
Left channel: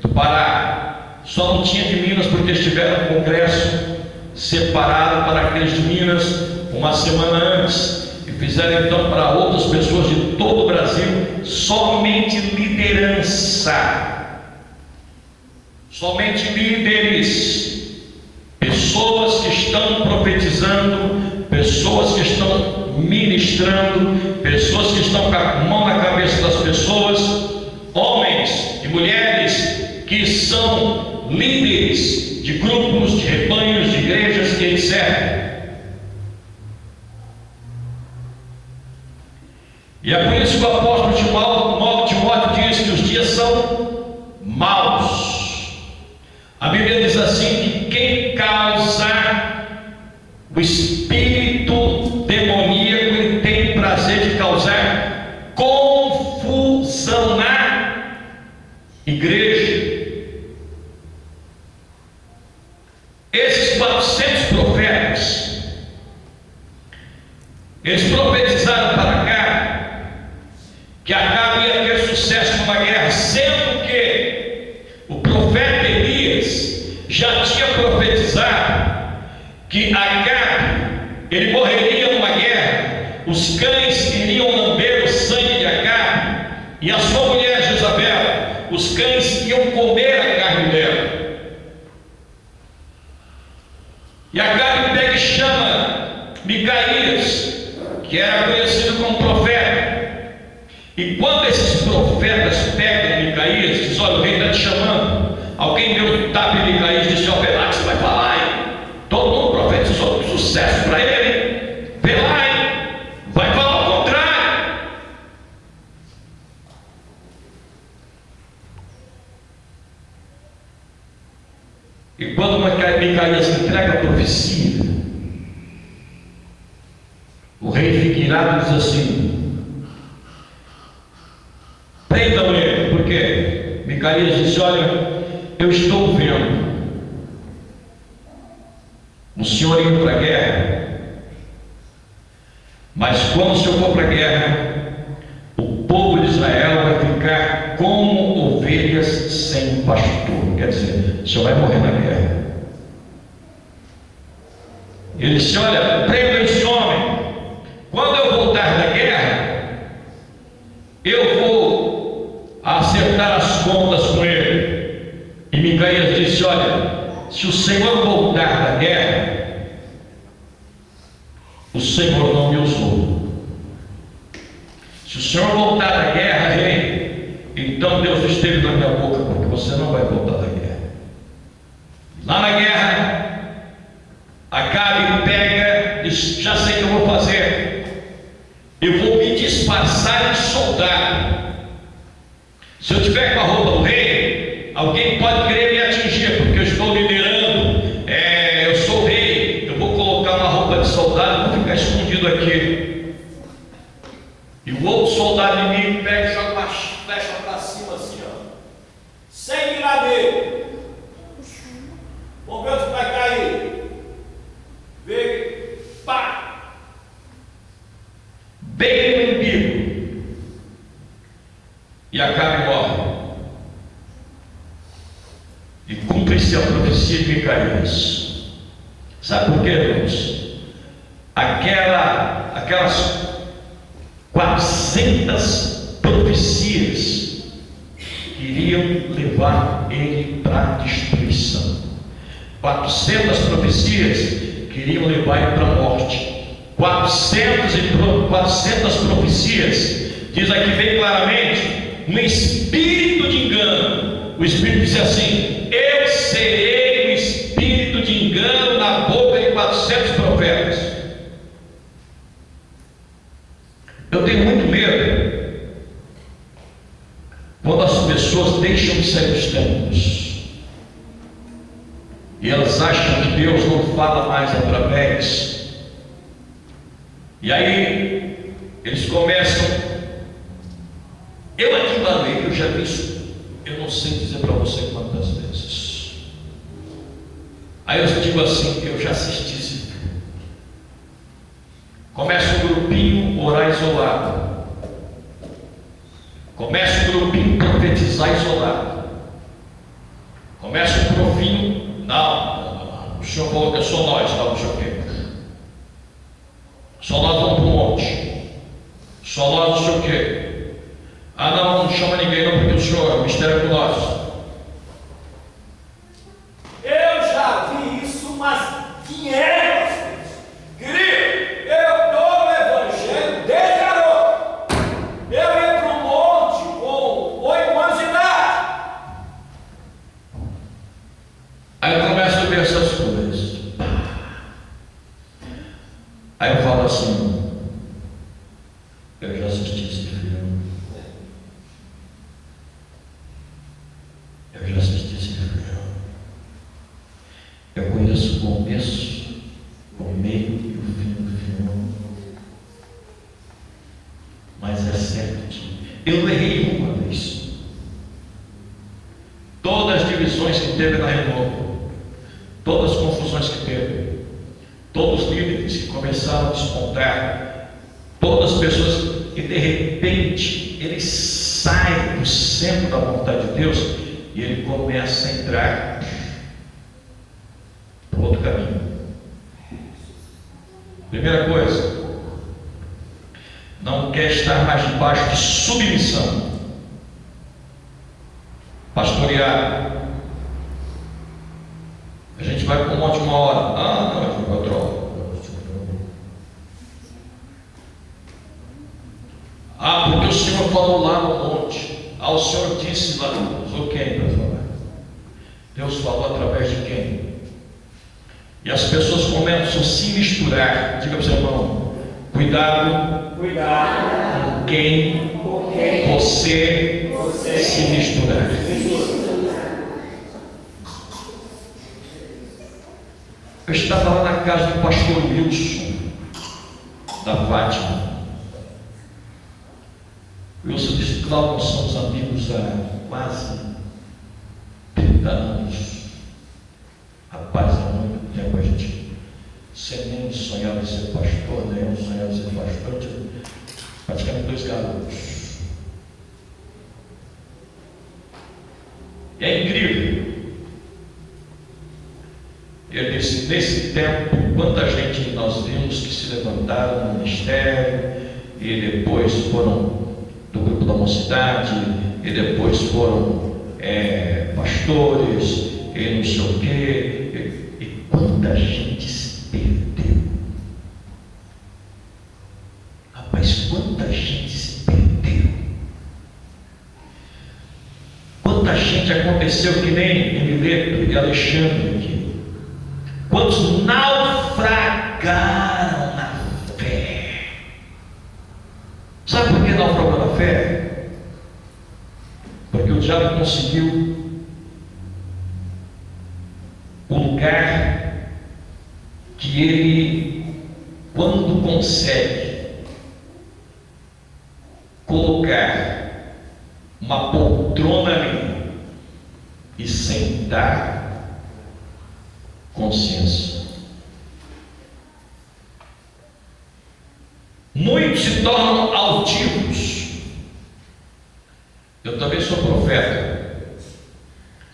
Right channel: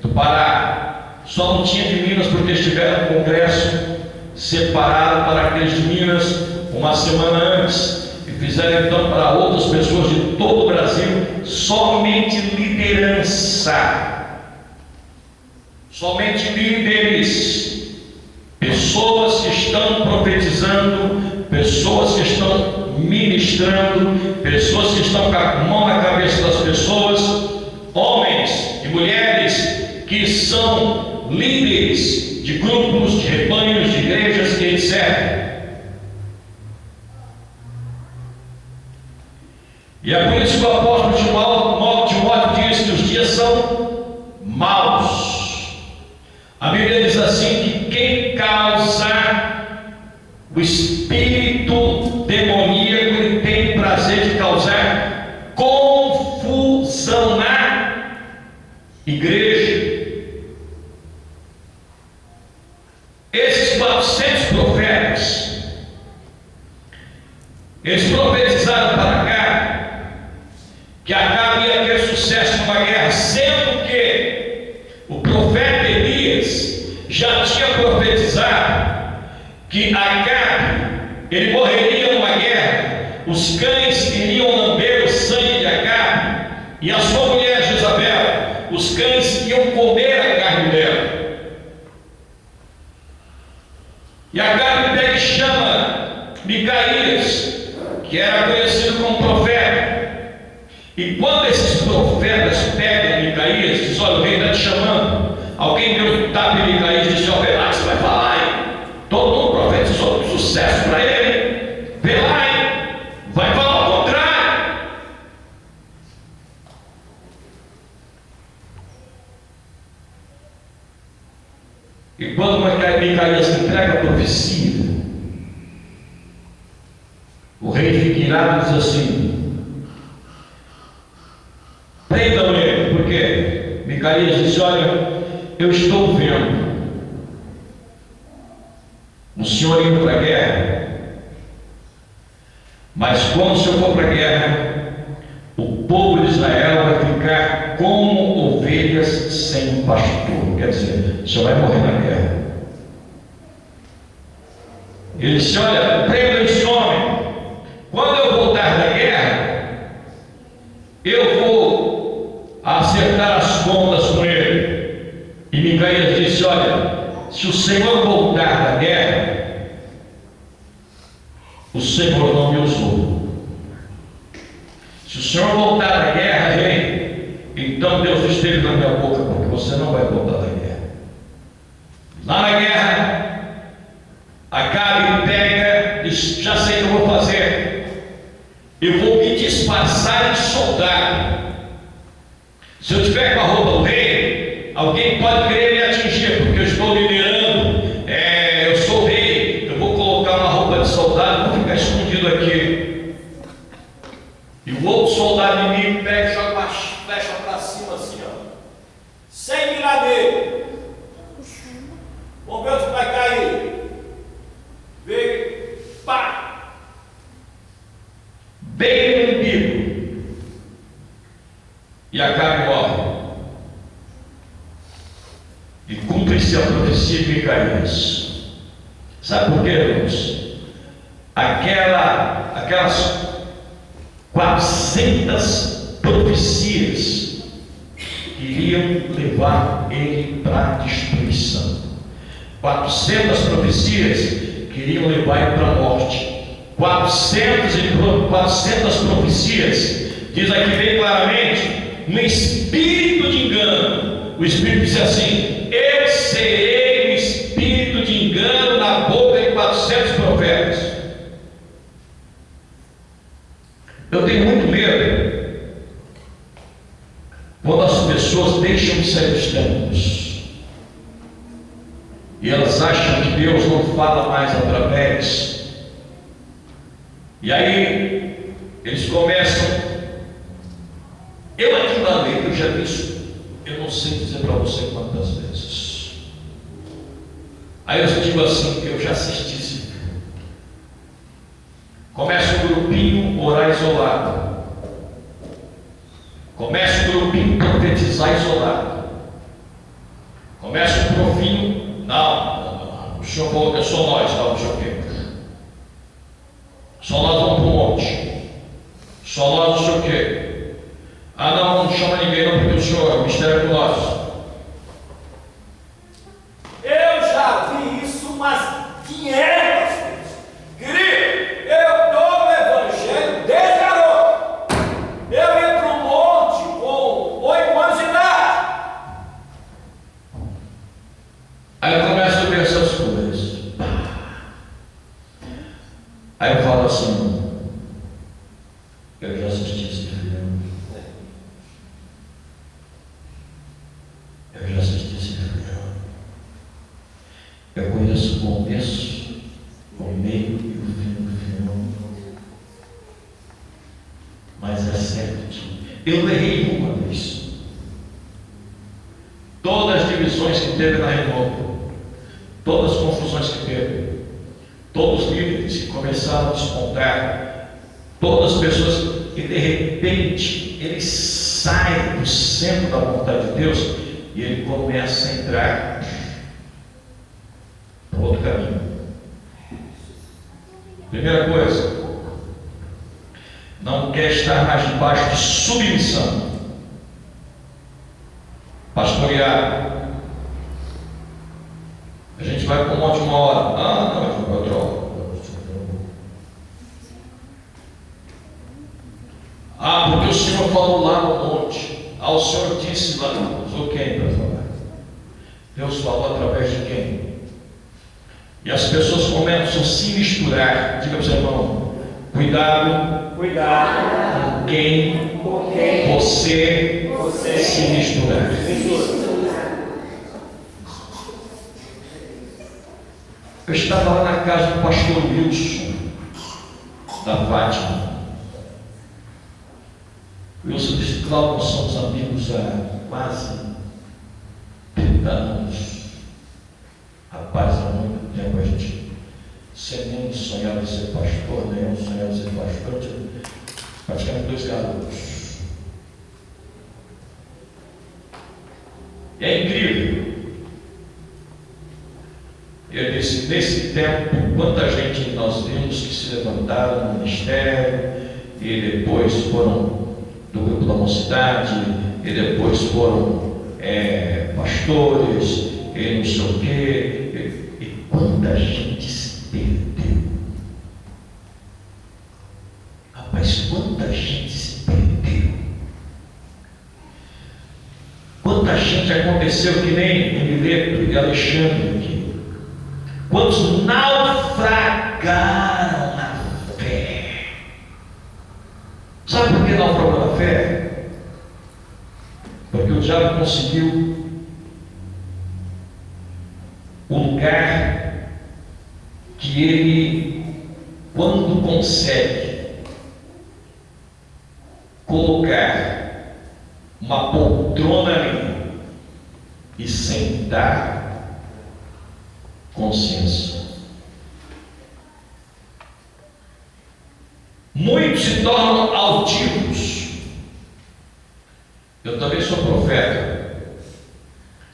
do Pará. Só não tinha de Minas porque eles tiveram um congresso separado para aqueles de Minas uma semana antes. E fizeram então para outras pessoas de todo o Brasil, somente liderança, somente líderes, pessoas que estão profetizando, pessoas que estão ministrando, pessoas que estão com a mão na cabeça das pessoas, homens e mulheres que são líderes de grupos, de rebanhos, de igrejas que eles servem. E é por isso que o apóstolo Timóteo diz que os dias são maus. A Bíblia diz assim que quem causar o espírito demoníaco, ele tem prazer de causar confusão na igreja. Esses 400 profetas, eles profetizaram para cá que Acabe ia ter sucesso numa guerra, sendo que o profeta Elias já tinha profetizado que Acabe, ele morreria numa guerra, os cães iriam lamber o sangue de Acabe, e a sua mulher Jezabel, os cães iam comer a carne dela. E Acabe pega e chama Micaías, que era conhecido como profeta. E quando esses profetas pegam Micaías, diz: olha, o rei está te chamando. Alguém deu um tapa em Micaías e disse: ó, vê lá que você vai falar, hein? Todo mundo profetizou sucesso para ele. Vê lá, hein? Vai falar o contrário. E quando Micaías entrega a profecia, o rei fica irado e diz assim: prendam ele. Por quê? Micaías disse: olha, eu estou vendo o senhor indo para a guerra, mas quando o senhor for para a guerra, o povo de Israel vai ficar como ovelhas sem pastor. Quer dizer, o senhor vai morrer na guerra. Ele disse: olha, prendam esse homem. Quando eu voltar da guerra, eu vou acertar as contas com ele. E Micaías disse: olha, se o Senhor voltar da guerra, o Senhor não me usou. Se o Senhor voltar da guerra, rei, então Deus esteve na minha boca, porque você não vai voltar da guerra. Lá na guerra, Acabe pega e diz: já sei o que eu vou fazer, eu vou me disfarçar de soldado. Se eu tiver com a roupa do rei, alguém pode querer me atingir, porque eu estou liderando, eu sou o rei, eu vou colocar uma roupa de soldado e vou ficar escondido aqui. E o outro soldado inimigo pega e joga uma flecha para cima assim, ó, sem mirar nele. Vamos ver onde vai cair. Vem, pá! Bem no umbigo. E Acabe morre. E cumpre-se a profecia de Micaías. Sabe por quê, irmãos? Aquelas 400 profecias iriam levar ele para a destruição. 400 profecias queriam levar ele para a morte. 400 profecias, diz aqui bem claramente, um espírito de engano. O Espírito disse assim: eu serei o espírito de engano na boca de 400 profetas. Eu tenho muito medo quando as pessoas deixam de sair dos templos e elas acham que Deus não fala mais através. E aí eles começam. Eu aqui na lei, eu já vi isso, eu não sei dizer para você quantas vezes. Aí eu digo assim: eu já assisti esse filme. Começa um grupinho orar isolado. Começa um grupinho profetizar isolado. Começa um grupinho, não, o senhor falou que é só nós, não sei o quê. Só nós vamos para o monte. Só nós não sei o quê. Ah, não chama ninguém não, porque o senhor é o mistério com nós. Eu já vi isso umas 500 vezes. Querido, eu estou no evangelho desde garoto. Eu ia para o monte com 8 anos de idade. Aí eu começo a ver essas coisas. Aí eu falo assim: eu já assisti esse filme. Eu já assisti esse filme. Eu conheço o começo, o meio e o fim do filme. Mas é certo. Eu errei uma vez. Todas as divisões que teve na Renovo, todas as confusões que teve, todos os líderes que começaram a despontar, todas as pessoas que de repente eles saem do centro da vontade de Deus e ele começa a entrar para outro caminho. Primeira coisa, não quer estar mais debaixo de submissão. Pastorear. A gente vai para um monte uma hora. Ah, não, a gente vai outra hora. Ah, porque o Senhor falou lá no monte. Ah, o Senhor disse lá. Usou quem para falar? Deus falou através de quem? E as pessoas começam a se misturar. Diga para o seu irmão: cuidado com quem você se misturar. Eu estava lá na casa do pastor Wilson, da Fátima. Wilson disse: Cláudio, nós somos amigos há quase 30 anos. Rapaz, há muito tempo a gente sem nem sonhava em ser pastor, nem eu sonhava em ser pastor. Eu tinha praticamente 2 garotos. E é incrível. Ele disse: nesse tempo, quanta gente nós vimos que se levantaram no ministério e depois foram do grupo da mocidade e depois foram pastores, e não sei o quê, e quanta gente se perdeu. Rapaz, quanta gente se perdeu. Quanta gente aconteceu que nem Mileto e Alexandre aqui. Quantos naufragaram na fé. Sabe por que naufragou na fé? Porque o diabo conseguiu o lugar que ele, quando consegue colocar uma poltrona ali e sentar, consciência. Muitos se tornam altivos. Eu também sou profeta.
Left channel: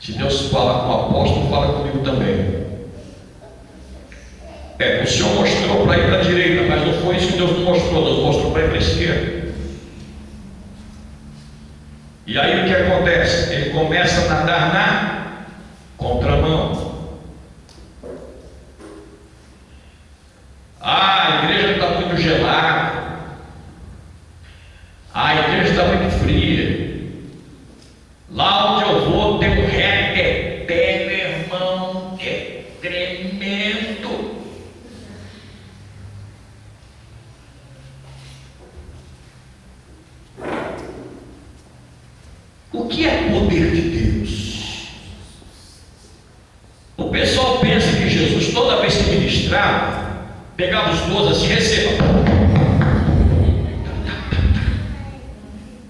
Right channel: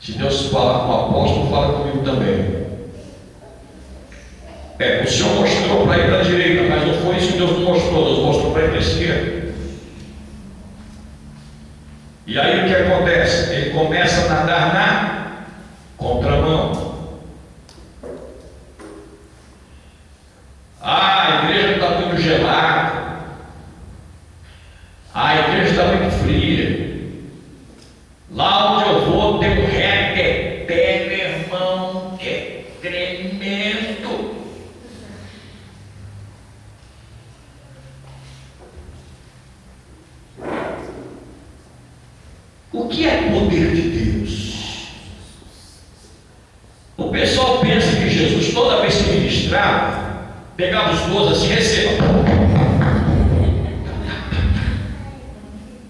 Se Deus fala com o apóstolo, fala comigo também. O Senhor mostrou para ir para a direita, mas não foi isso que Deus mostrou. Deus mostrou para ir para a esquerda. E aí o que acontece? Ele começa a nadar na contramão. A igreja está muito gelada. A igreja está muito fria. Lá onde eu vou tem um reteté, meu irmão, que é tremendo. O que é poder de Deus? O pessoal pensa que Jesus, toda vez que ministrava, pegava os 12 assim, receba.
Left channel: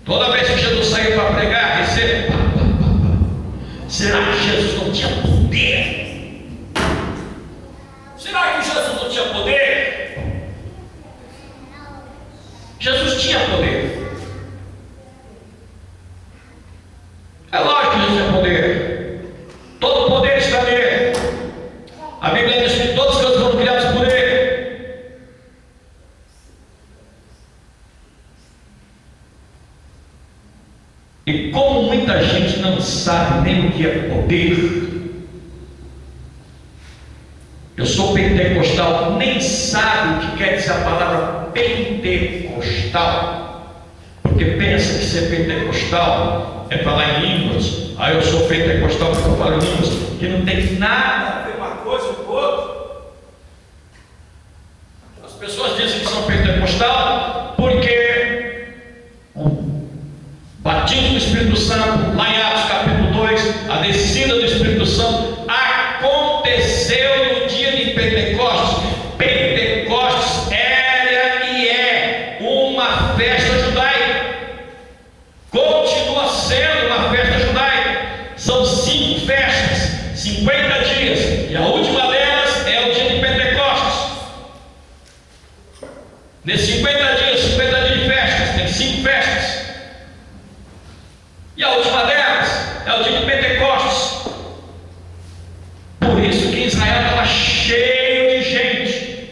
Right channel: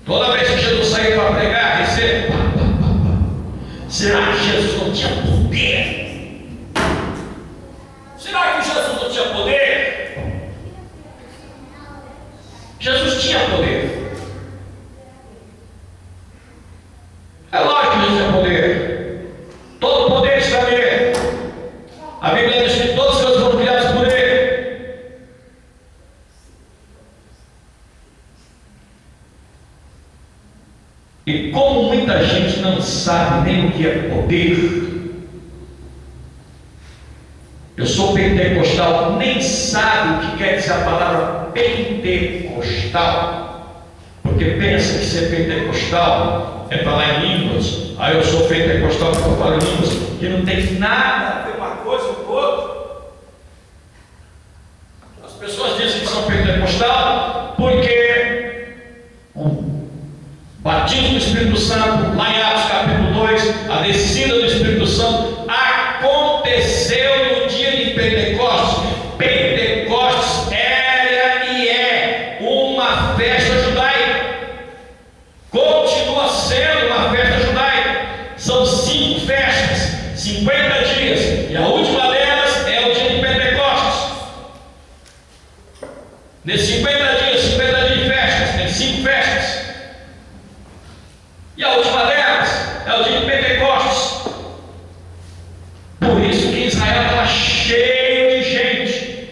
Toda vez que Jesus saía para pregar, receba. Será que Jesus não tinha poder? Será que Jesus não tinha poder? Jesus tinha poder. É lógico que Jesus tinha poder. Todo poder está nele. A Bíblia diz que todas as coisas foram criadas por ele. E como muita gente não sabe nem o que é poder, eu sou pentecostal, nem sabe o que quer dizer a palavra pentecostal, porque pensa que ser pentecostal é falar em línguas. Aí eu sou pentecostal porque eu falo em línguas, que não tem nada a ver uma coisa com outra. As pessoas dizem que são pentecostal porque o batismo do Espírito Santo, lá em Atos capítulo 2, a descida do Espírito Santo aconteceu no dia de Pentecostes. Pentecostes era e é uma festa judaica, continua sendo uma festa judaica. São 5 festas, 50 dias, e a última delas é o dia de Pentecostes. Nesses 50 dias de festas, tem 5 festas. E a última delas é o dia de Pentecostes. Por isso que Israel estava cheio de gente.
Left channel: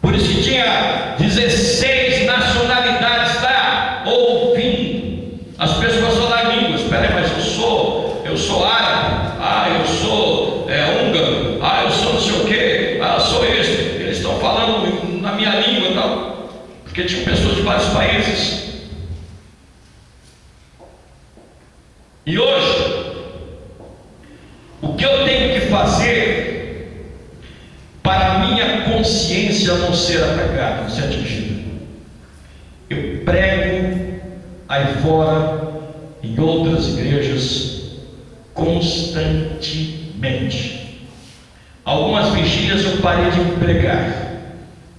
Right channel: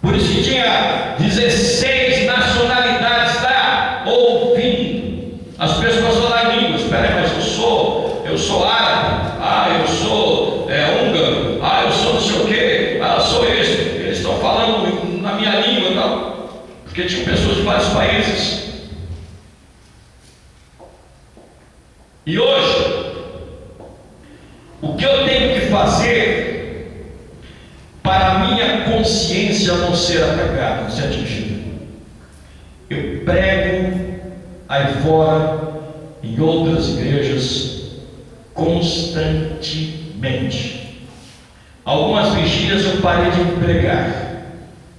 Por isso que tinha 16 nacionalidades lá ouvindo. As pessoas falam em línguas. Espera aí, mas eu sou árabe. Eu sou húngaro. Eu sou não sei o quê. Eu sou isso. Eles estão falando na minha língua e tal. Porque tinham pessoas de vários países. E hoje, o que eu tenho que fazer para a minha consciência não ser atacada, não ser atingida? Eu prego aí fora, em outras igrejas, constantemente. Algumas vigílias eu parei de pregar,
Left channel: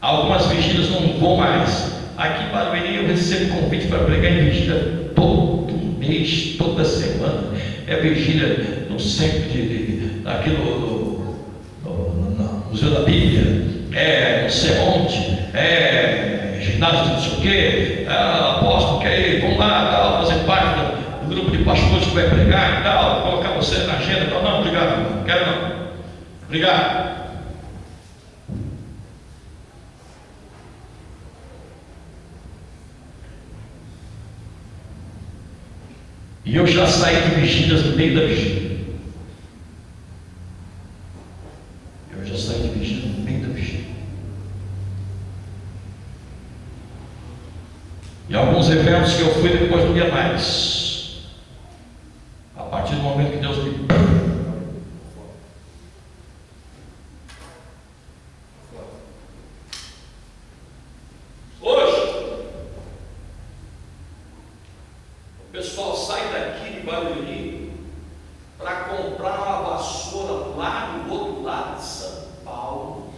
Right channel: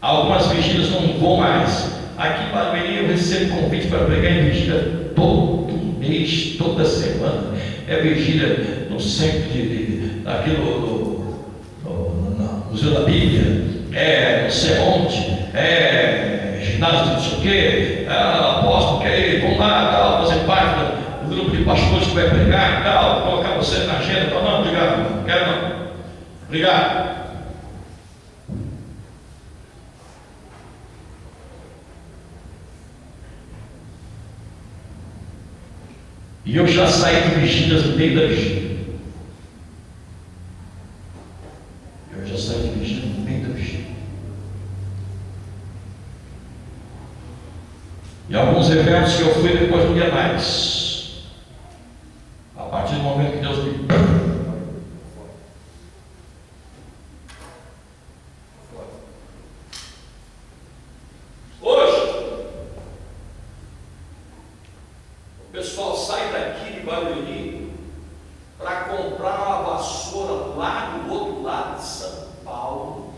algumas vigílias não vou mais. Aqui em Barueri eu recebo convite para pregar em vigília todo mês, toda semana. É vigília no centro aqui no Museu da Bíblia, não sei onde, ginásio de não sei o quê, apóstolo, quer ir, vamos lá, tal, fazer parte do grupo de pastores que vai pregar e tal, colocar você na agenda, tal. Não, obrigado, não quero não, obrigado. E eu já saí de vigílias no meio da vigília. Eu já saí de vigília no meio da vigília. E alguns eventos que eu fui depois não ia mais. A partir do momento que Deus me... Hoje, o pessoal sai daqui de Barueri para comprar uma vassoura lá do outro lado de São Paulo,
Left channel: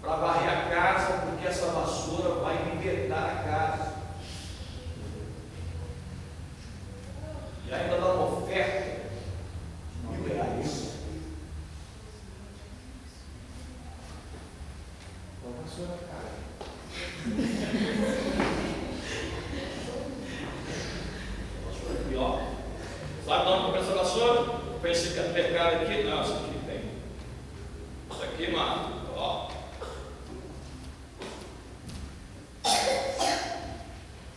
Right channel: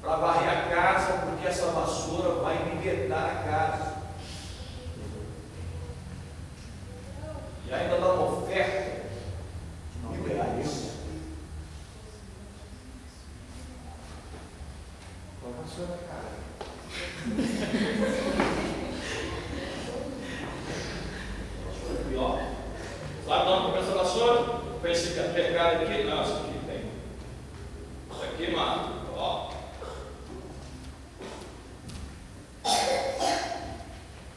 para varrer a casa, porque essa vassoura vai libertar a casa. E ainda dá uma oferta de R$1.000. A vassoura, cara. Aqui, ó. Sabe onde compra essa vassoura? Pensei que ia pegar aqui. Não, isso aqui tem. Isso aqui, mano. Ó.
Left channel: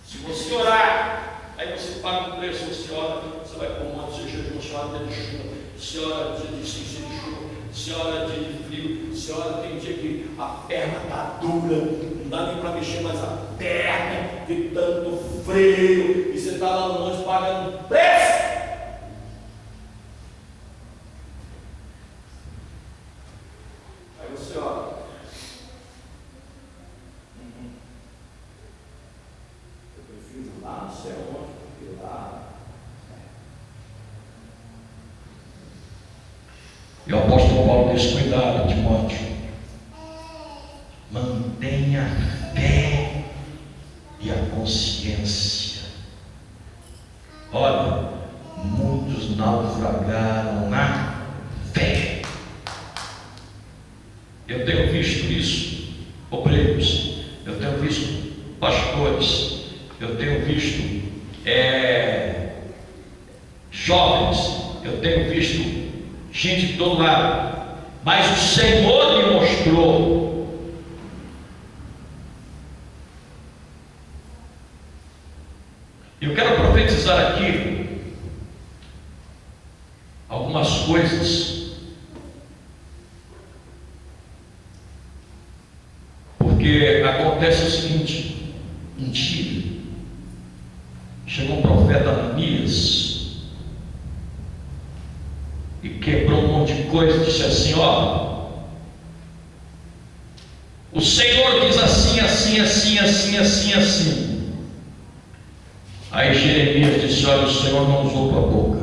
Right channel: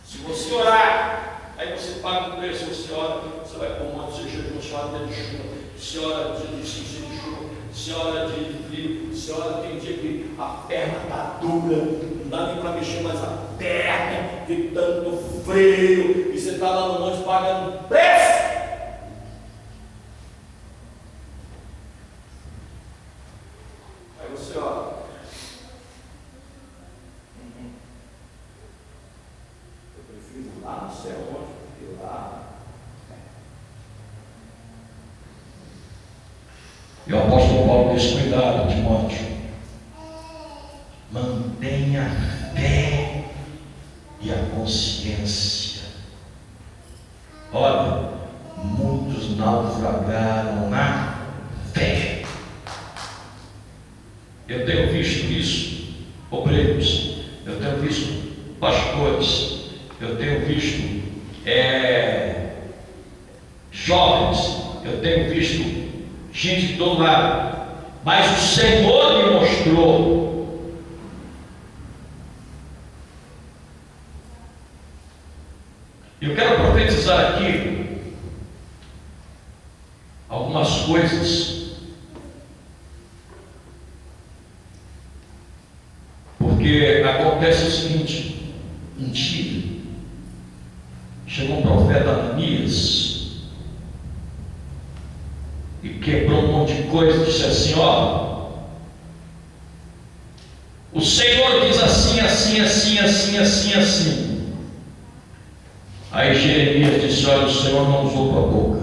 Se você orar, aí você paga o preço, você ora, você vai pôr um monte de jejum, você ora de chuva, você ora de ciência de chuva, você ora de frio, você ora, tem dia que a perna está dura, não dá nem para mexer mais a perna, de tanto frio, e você está lá no monte pagando preço. Aí você ora. Lá não sei onde, porque lá. E o apóstolo Paulo diz: cuidado, Timóteo, mantenha a fé e a consciência. Olha, muitos naufragaram na fé. Eu tenho visto isso, obreiros, eu tenho visto pastores, eu tenho visto jovens, eu tenho visto gente de todo lado, mas o Senhor me mostrou eu quero profetizar aqui algumas coisas, porque acontece o seguinte: um dia chegou um profeta Ananias e quebrou um monte de coisa, disse assim: ó, o Senhor diz assim, assim, assim, assim, assim, assim. Aí Jeremias disse: olha, o Senhor não usou tua boca,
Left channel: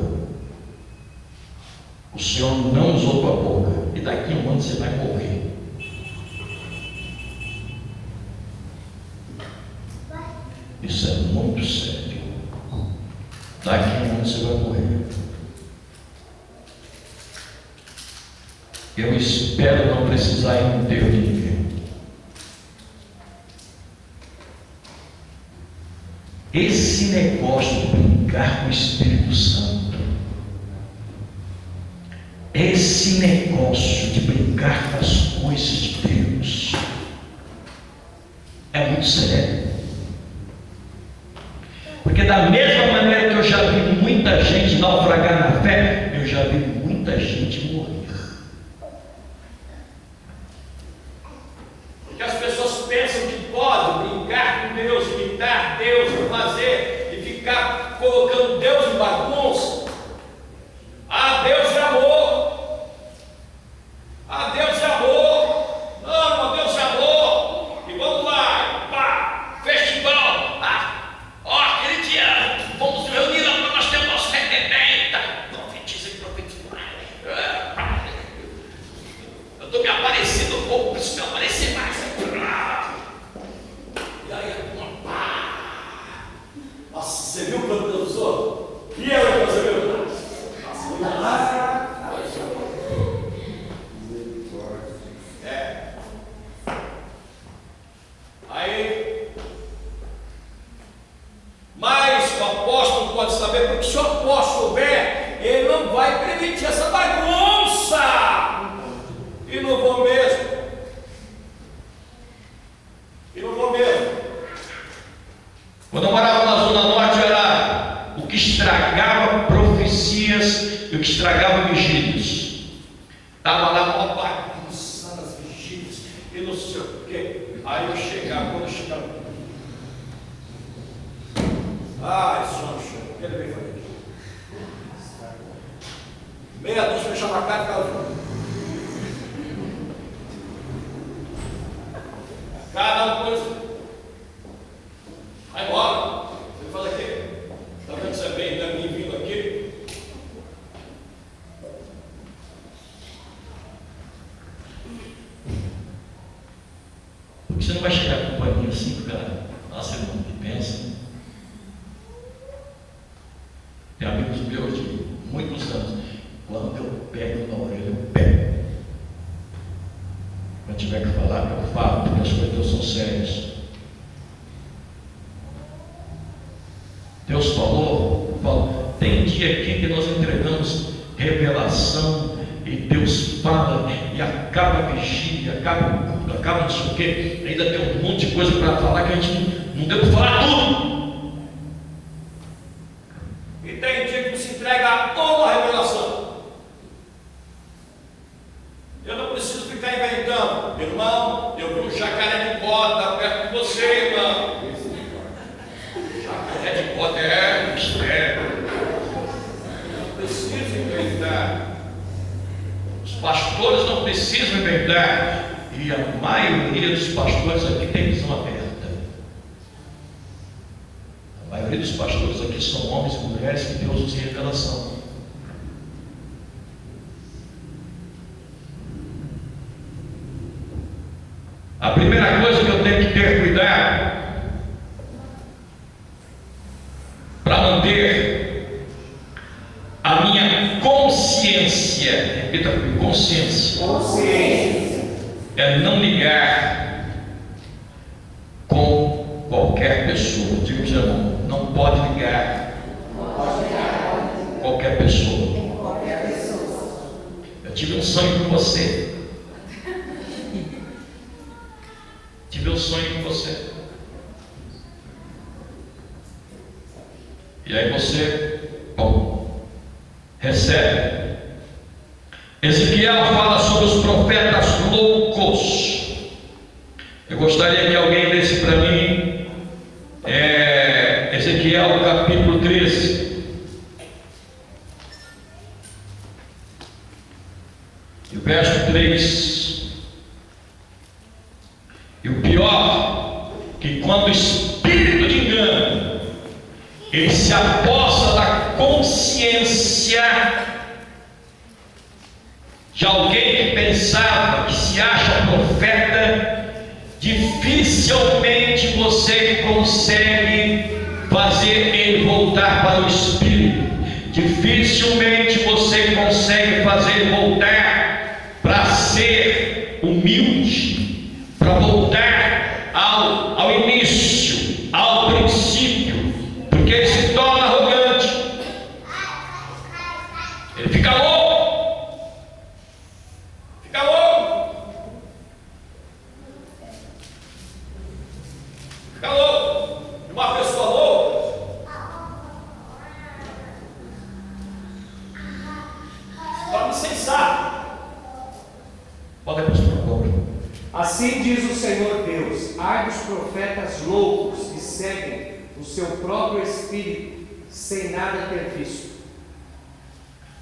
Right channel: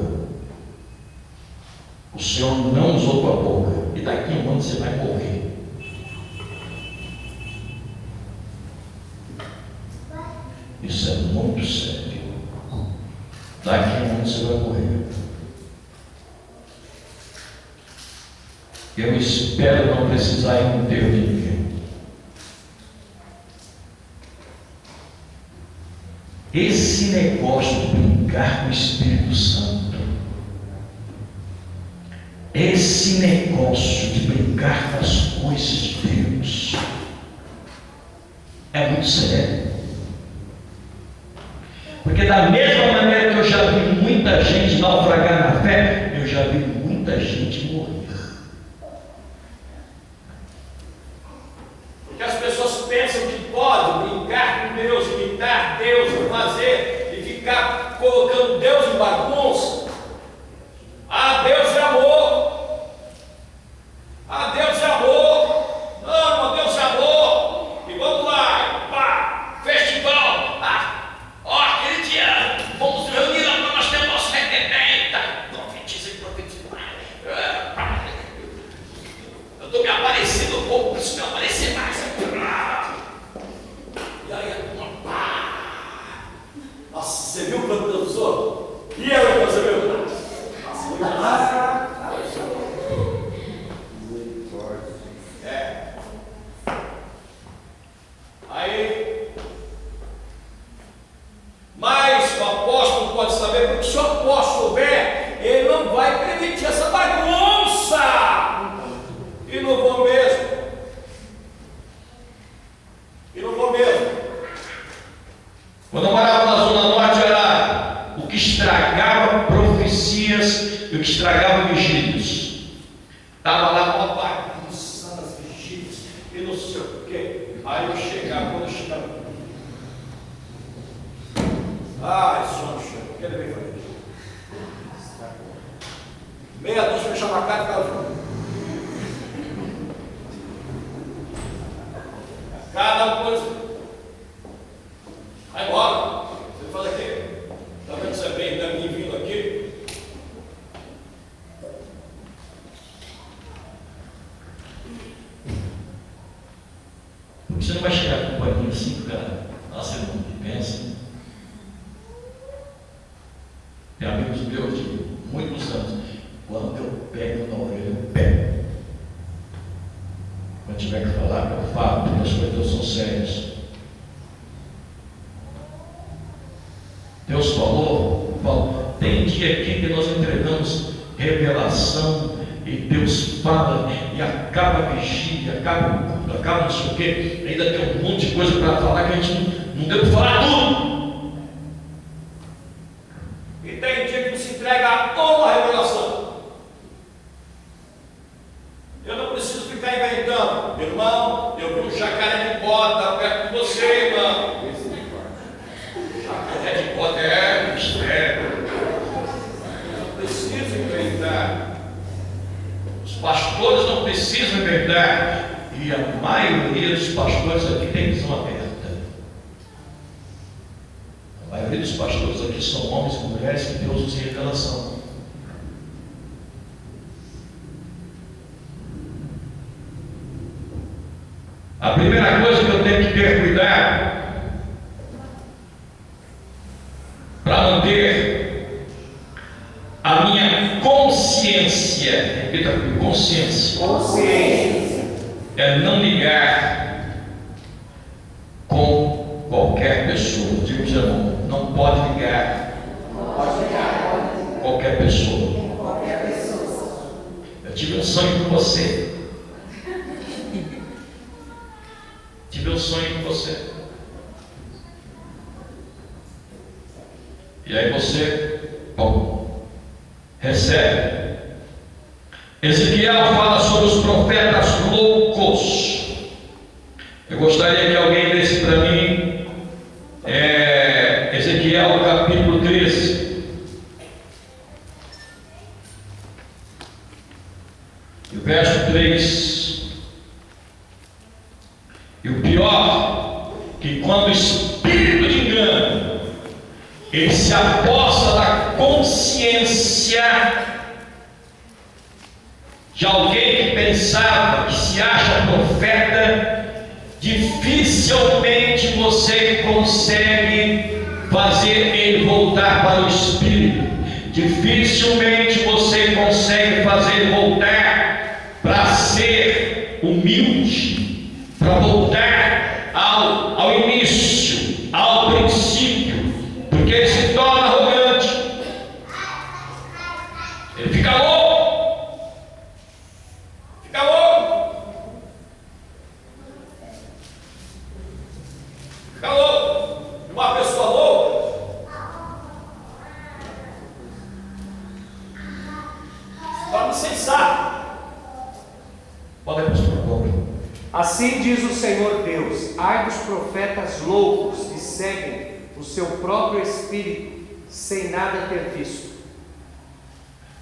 o Senhor não usou tua boca, e daqui a um ano você vai morrer. Isso é muito sério. Daqui a um ano você vai morrer. Eu espero não precisar ir no enterro de ninguém. Esse negócio de brincar com o Espírito Santo, esse negócio de brincar com as coisas de Deus, é muito sério. Porque da mesma maneira que eu já vi muita gente naufragar na fé, eu já vi muita gente morrer. Porque as pessoas pensam que pode brincar com Deus, imitar Deus, fazer e ficar colocando Deus em bagunça. Ah, Deus é amor. Ah, Deus é amor. Não, Deus é amor. E vamos lá, pá, festival. Ó, aquele dia, vamos reunir lá para nós ter o nosso requebenta. Profetiza e profetiza. Eu estou me aparecendo um pouco, preciso me aparecer mais. E aí a turma, pá. Nossa, você viu quando Deus usou? E eu, então, você viu? Nossa, muito massa. Aí, mas o apóstolo pode saber, porque se o apóstolo souber, ele não vai permitir essa bagunça. E não vou mesmo. E não vou mesmo. Quando eu morava na Zona Norte, eu era que estragava profecias e o que estragava vigílias. Estava lá uma bagunça nas vigílias e não sei o quê. Aí eu chegava, quando eu chegava, esse homem chegou, o que ele veio fazer? Meia-noite fechava a cara e ficava junto. Cada coisa. Vai embora. Você fala aqui. Está vendo que você vem da minha vindo aqui? Porque você não vai chegar com um paninho assim, cara. Nossa, irmão, que pensa. Tem amigos meus de muitos anos. Quando eu pego na orelha, eu pego. Quando tiver que falar, eu falo, porque as coisas são sérias. Deus falou, tem dia aqui que nós entregamos revelação e Deus fala e acaba a vigília, acaba não sei o quê, ainda tem um monte de coisa para falar que a gente não deu para falar tudo. E tem dia que você entrega uma revelação. Eu não preciso ficar inventando. Irmão, eu vi um jacaré de bota perto de você, irmão. Jacaré de bota é mistério. Eu não preciso inventar. Os pastores não precisam inventar. E a maioria dos pastores aqui tem visão aberta. A maioria dos pastores aqui são homens e mulheres que Deus usa em revelação. A primeira coisa que eu tenho que ter cuidado para manter a minha consciência, repita comigo, consciência, é não ligar com qualquer pessoa. Diga para o seu irmão, não pode ligar com qualquer pessoa. Eu tive um sonho com você. Tive um sonho com você. E aí você, recebe. Ezequiel fala sobre os profetas loucos. Eu gostaria que alguém lesse para mim Ezequiel capítulo 13. E o verso 3. E o pior, que quando o espírito de engano, ele se aposta da consciência de alguém que pensava, que se acha profeta, dificilmente você consegue fazer ele voltar para o espírito. Dificilmente você consegue fazer ele voltar para ser humilde, para voltar ao início, ao princípio, porque ele se torna arrogante, ele fica louco, e uma pessoa louca se torna insensato. Pode ir, por favor. Assim diz o Senhor Deus: ai dos profetas loucos que seguem o seu próprio espírito, sem nada ter visto.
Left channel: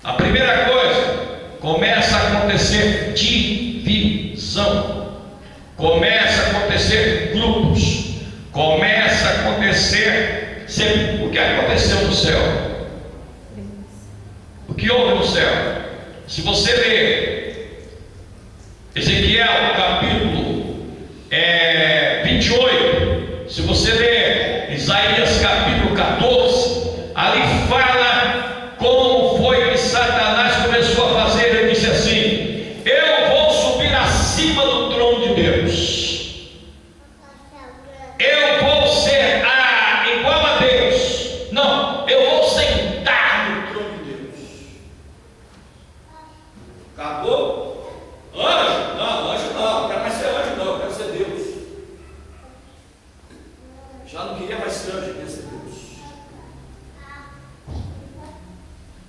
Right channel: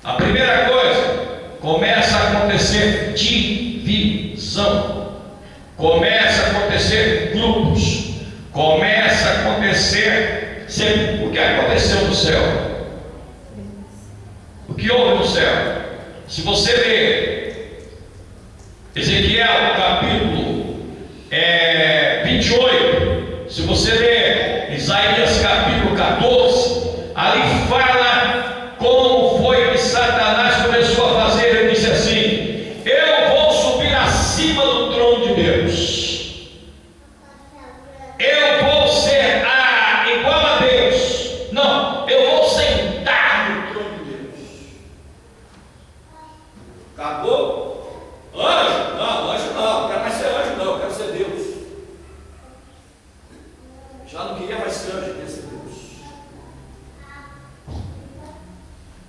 A primeira coisa, começa a acontecer divisão, começa a acontecer grupos, começa a acontecer sempre. O que aconteceu no céu? O que houve no céu? Se você ler Ezequiel capítulo 28, se você ler Isaías capítulo 14, ali fala como foi que Satanás começou a fazer. Ele disse assim: eu vou subir acima do trono de Deus, eu vou ser igual a Deus. Não, eu vou sentar no trono de Deus. Acabou? Anjo? Não quero mais ser anjo, não, quero ser Deus. Já não queria mais ser anjo, queria ser Deus.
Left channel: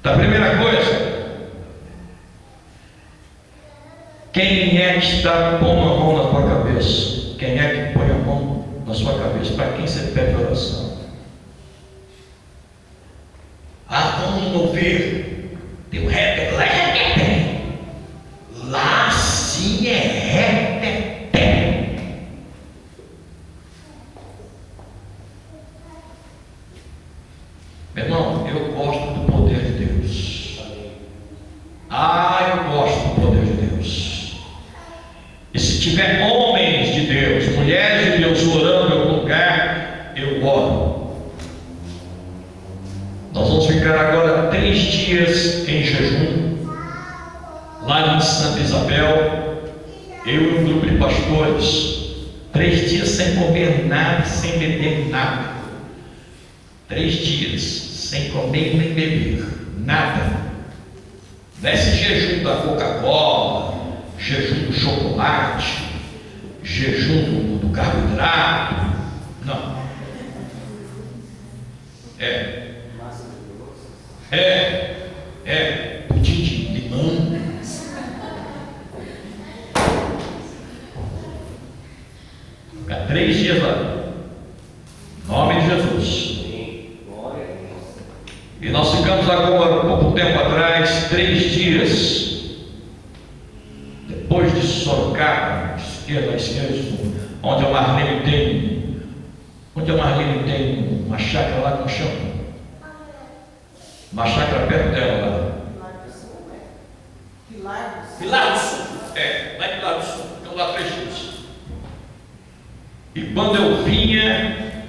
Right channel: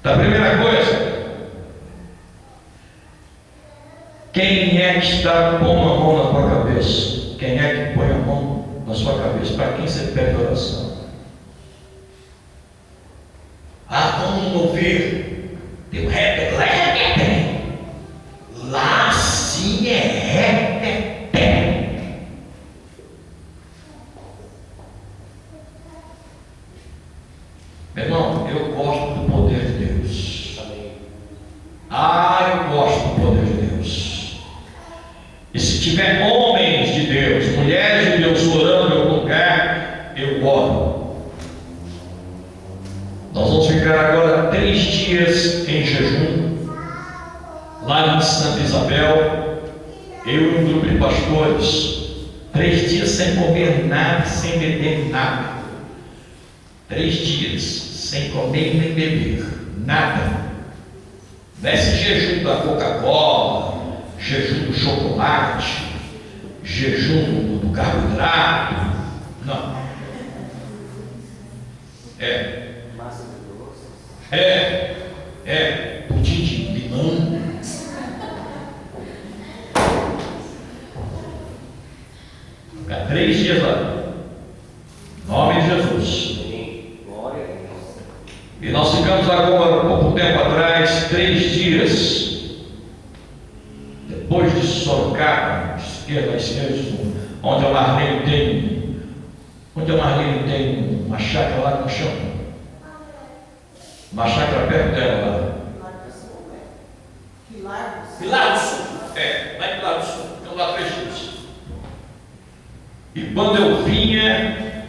Da primeira coisa, quem é que está pondo a mão na tua cabeça? Quem é que põe a mão na sua cabeça? Para quem você pede oração? Vamos ouvir. Tem um rapper lá, lá sim é rapper. Meu irmão, eu gosto do poder de Deus. Eu gosto do poder de Deus. E se tiver homens de Deus, mulheres de Deus orando em algum lugar, eu oro. Nós vamos ficar agora 3 dias em jejum, lá em Santa Isabel, eu e um grupo de pastores. 3 dias sem comer nada, sem beber nada. 3 dias sem comer nem beber nada. Não é esse jejum da Coca-Cola, jejum do chocolate, jejum do carboidrato. Não. Pudim de limão. Ficar 3 dias lá. Em nome de Jesus. E nós ficamos agora, pouco tempo atrás, 3 dias depois de Sorocaba, esquerda, onde a Marlene tem uma chácara lá com chão. Uma chácara perto dela lá. Pilar do Sul. Lá em Pilar do Sul. Ficamos lá 3 dias. E quando eu vinha,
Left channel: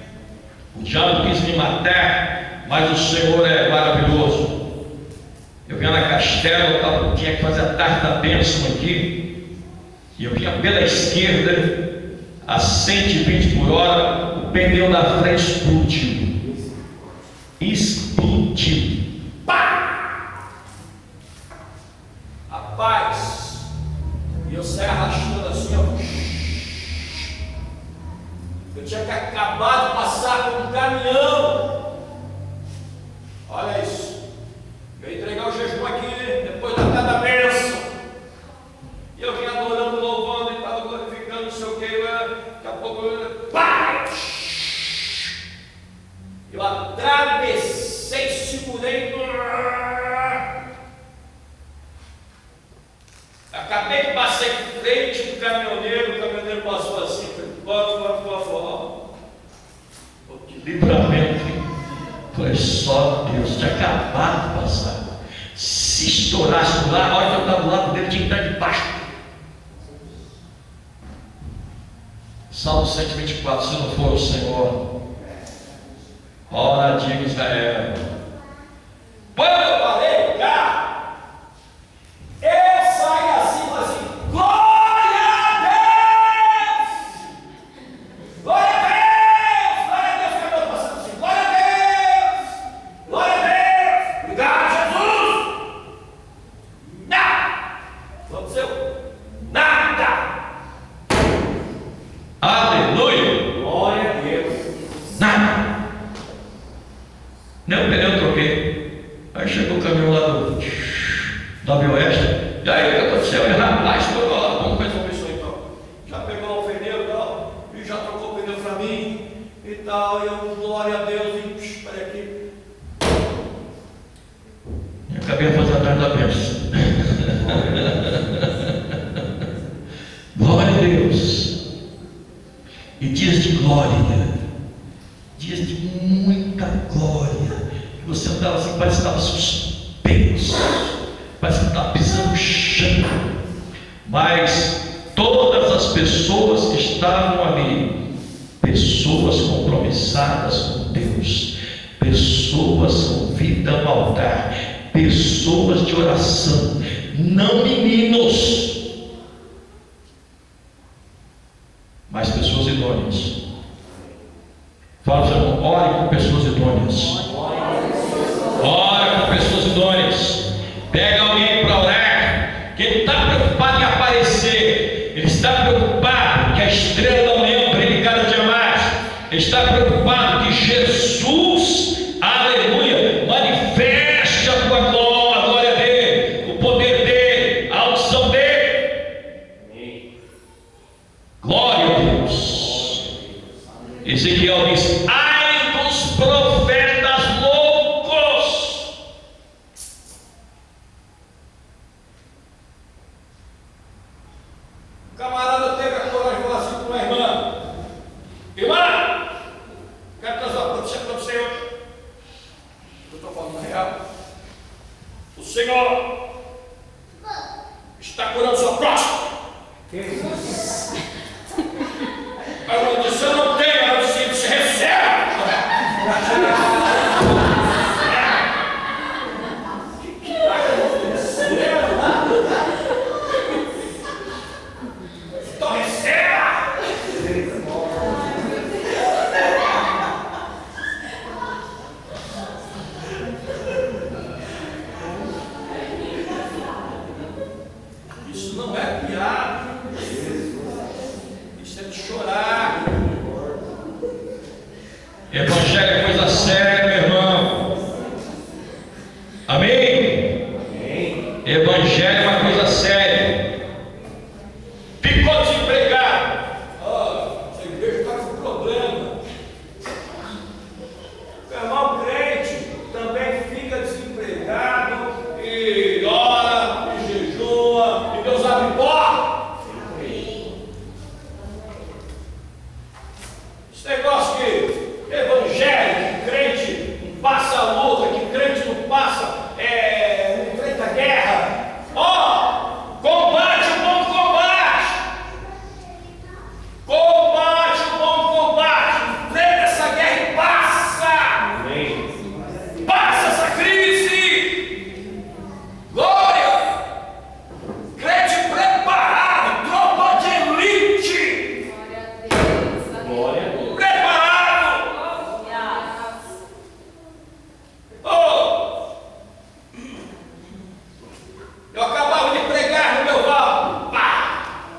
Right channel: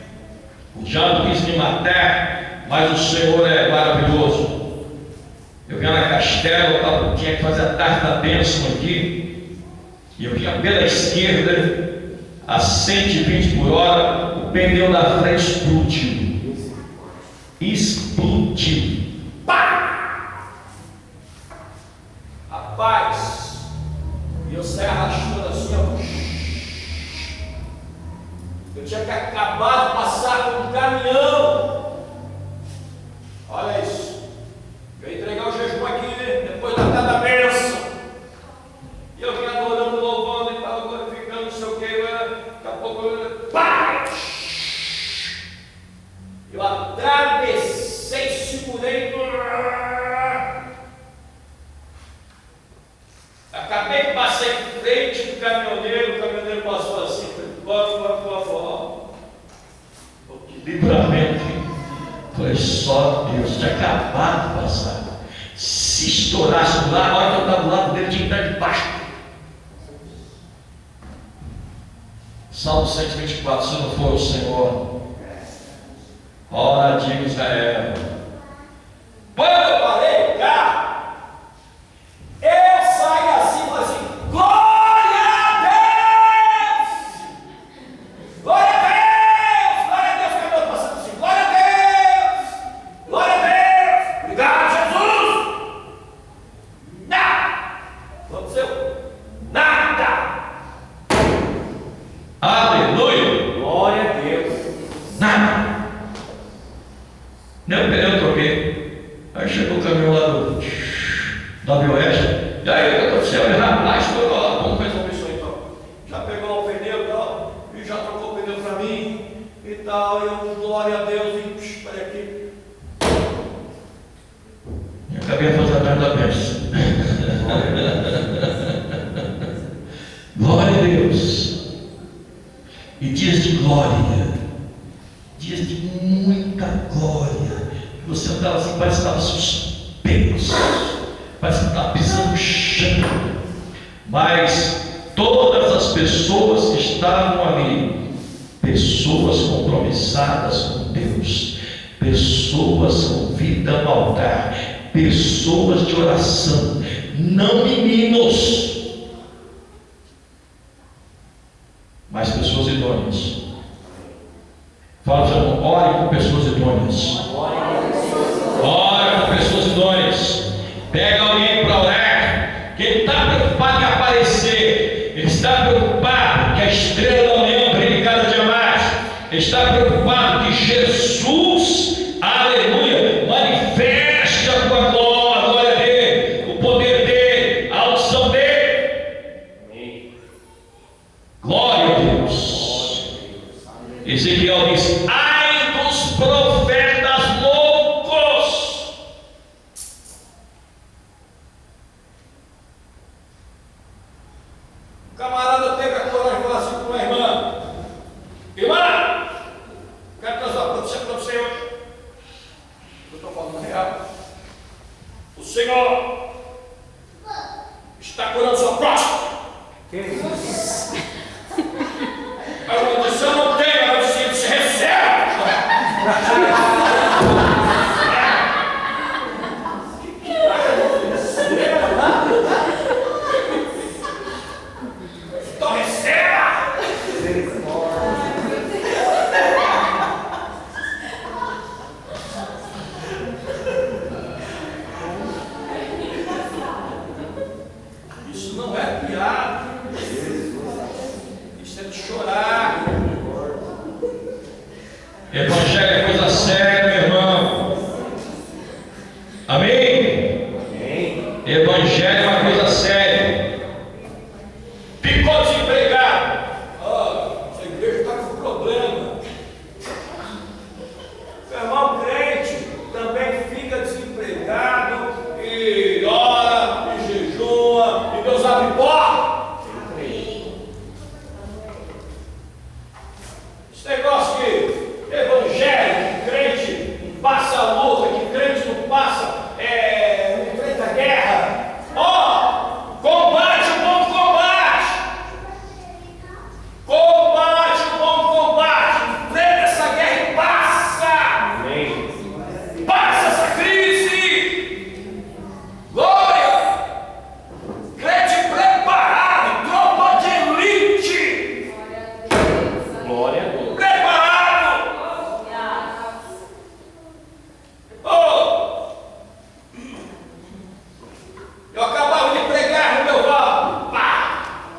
o diabo quis me matar, mas o Senhor é maravilhoso. Eu vinha na Castela, eu tinha que fazer a tarde da bênção aqui, e eu vinha pela esquerda, a 120 por hora, o pneu da frente explodiu. Pá! Rapaz, e eu saí arrastando assim, ó. Eu tinha acabado de passar por um caminhão. Olha isso. Eu ia entregar o jejum aqui, depois da tarde da bênção. E eu vim adorando, louvando, e estava glorificando, não sei o que. Daqui a pouco pá! Eu atravessei, segurei. Acabei de passar em frente do caminhoneiro, o caminhoneiro passou assim, que livramento. Foi só Deus, tinha acabado de passar. Se estourasse lá, a hora que eu estava do lado dele, tinha que estar debaixo. Salmo 124, se não for o Senhor, ora diga Israel. Quando eu parei o carro, eu saí assim, mas assim, glória a Deus! Glória a Deus! Glória a Deus! Cadê eu passando assim? Glória a Deus! Glória a Deus! Obrigado, Jesus! Nada! Aconteceu? Nada! Aleluia! Glória a Deus! Nada! Nem o pneu eu troquei. Aí chegou o caminhão lá da Bioeste. E aí, o que aconteceu? Ele rapaz, foi lá, vamos resolver isso aí então. Já pegou o pneu e tal, e já trocou o pneu para mim e tal. E eu, glória a Deus, e espera aqui. E acabei de fazer a tarde da bênção. Glória a Deus. E dias de glória, dias de muita glória. Você andava assim, parece que estava suspenso, parece que estava pisando no chão. Mas todas as pessoas que estavam ali, pessoas compromissadas com Deus, pessoas com vida no altar, pessoas de oração, não meninos, mas pessoas idôneas. Fala, irmão, ore com pessoas idôneas. Ora com pessoas idôneas. Pega alguém para orar, que ele está preocupado em aparecer, ele está preocupado que a estrela da manhã brilhe cada dia mais, ele está preocupado que Jesus, aleluia, manifeste a tua glória. falando real. O Senhor está curando sua próstata. Mas eu disse, eu não tenho, eu disse, receba. Então receba. Isso não é piada. Isso é de chorar. Evangelho é coisa séria, meu irmão. Amém? Amém. Evangelho é uma coisa séria. Ficou desempregado. Essa igreja está com problema. Meu irmão crente também fica desempregado e ora, e jejua, e Deus abre porta. Esse negócio que evangelho, que crente não passa a luta, que crente não passa, não enfrenta a guerra. Combate o bom combate. Combate o bom combate. Enfrenta essa guerra e passa. Amém. Passa essa crise. Glória. Crente preparado, tropa de elite. Glória a Deus. Preparado. Eu acabava de pregar no meu val. Pá!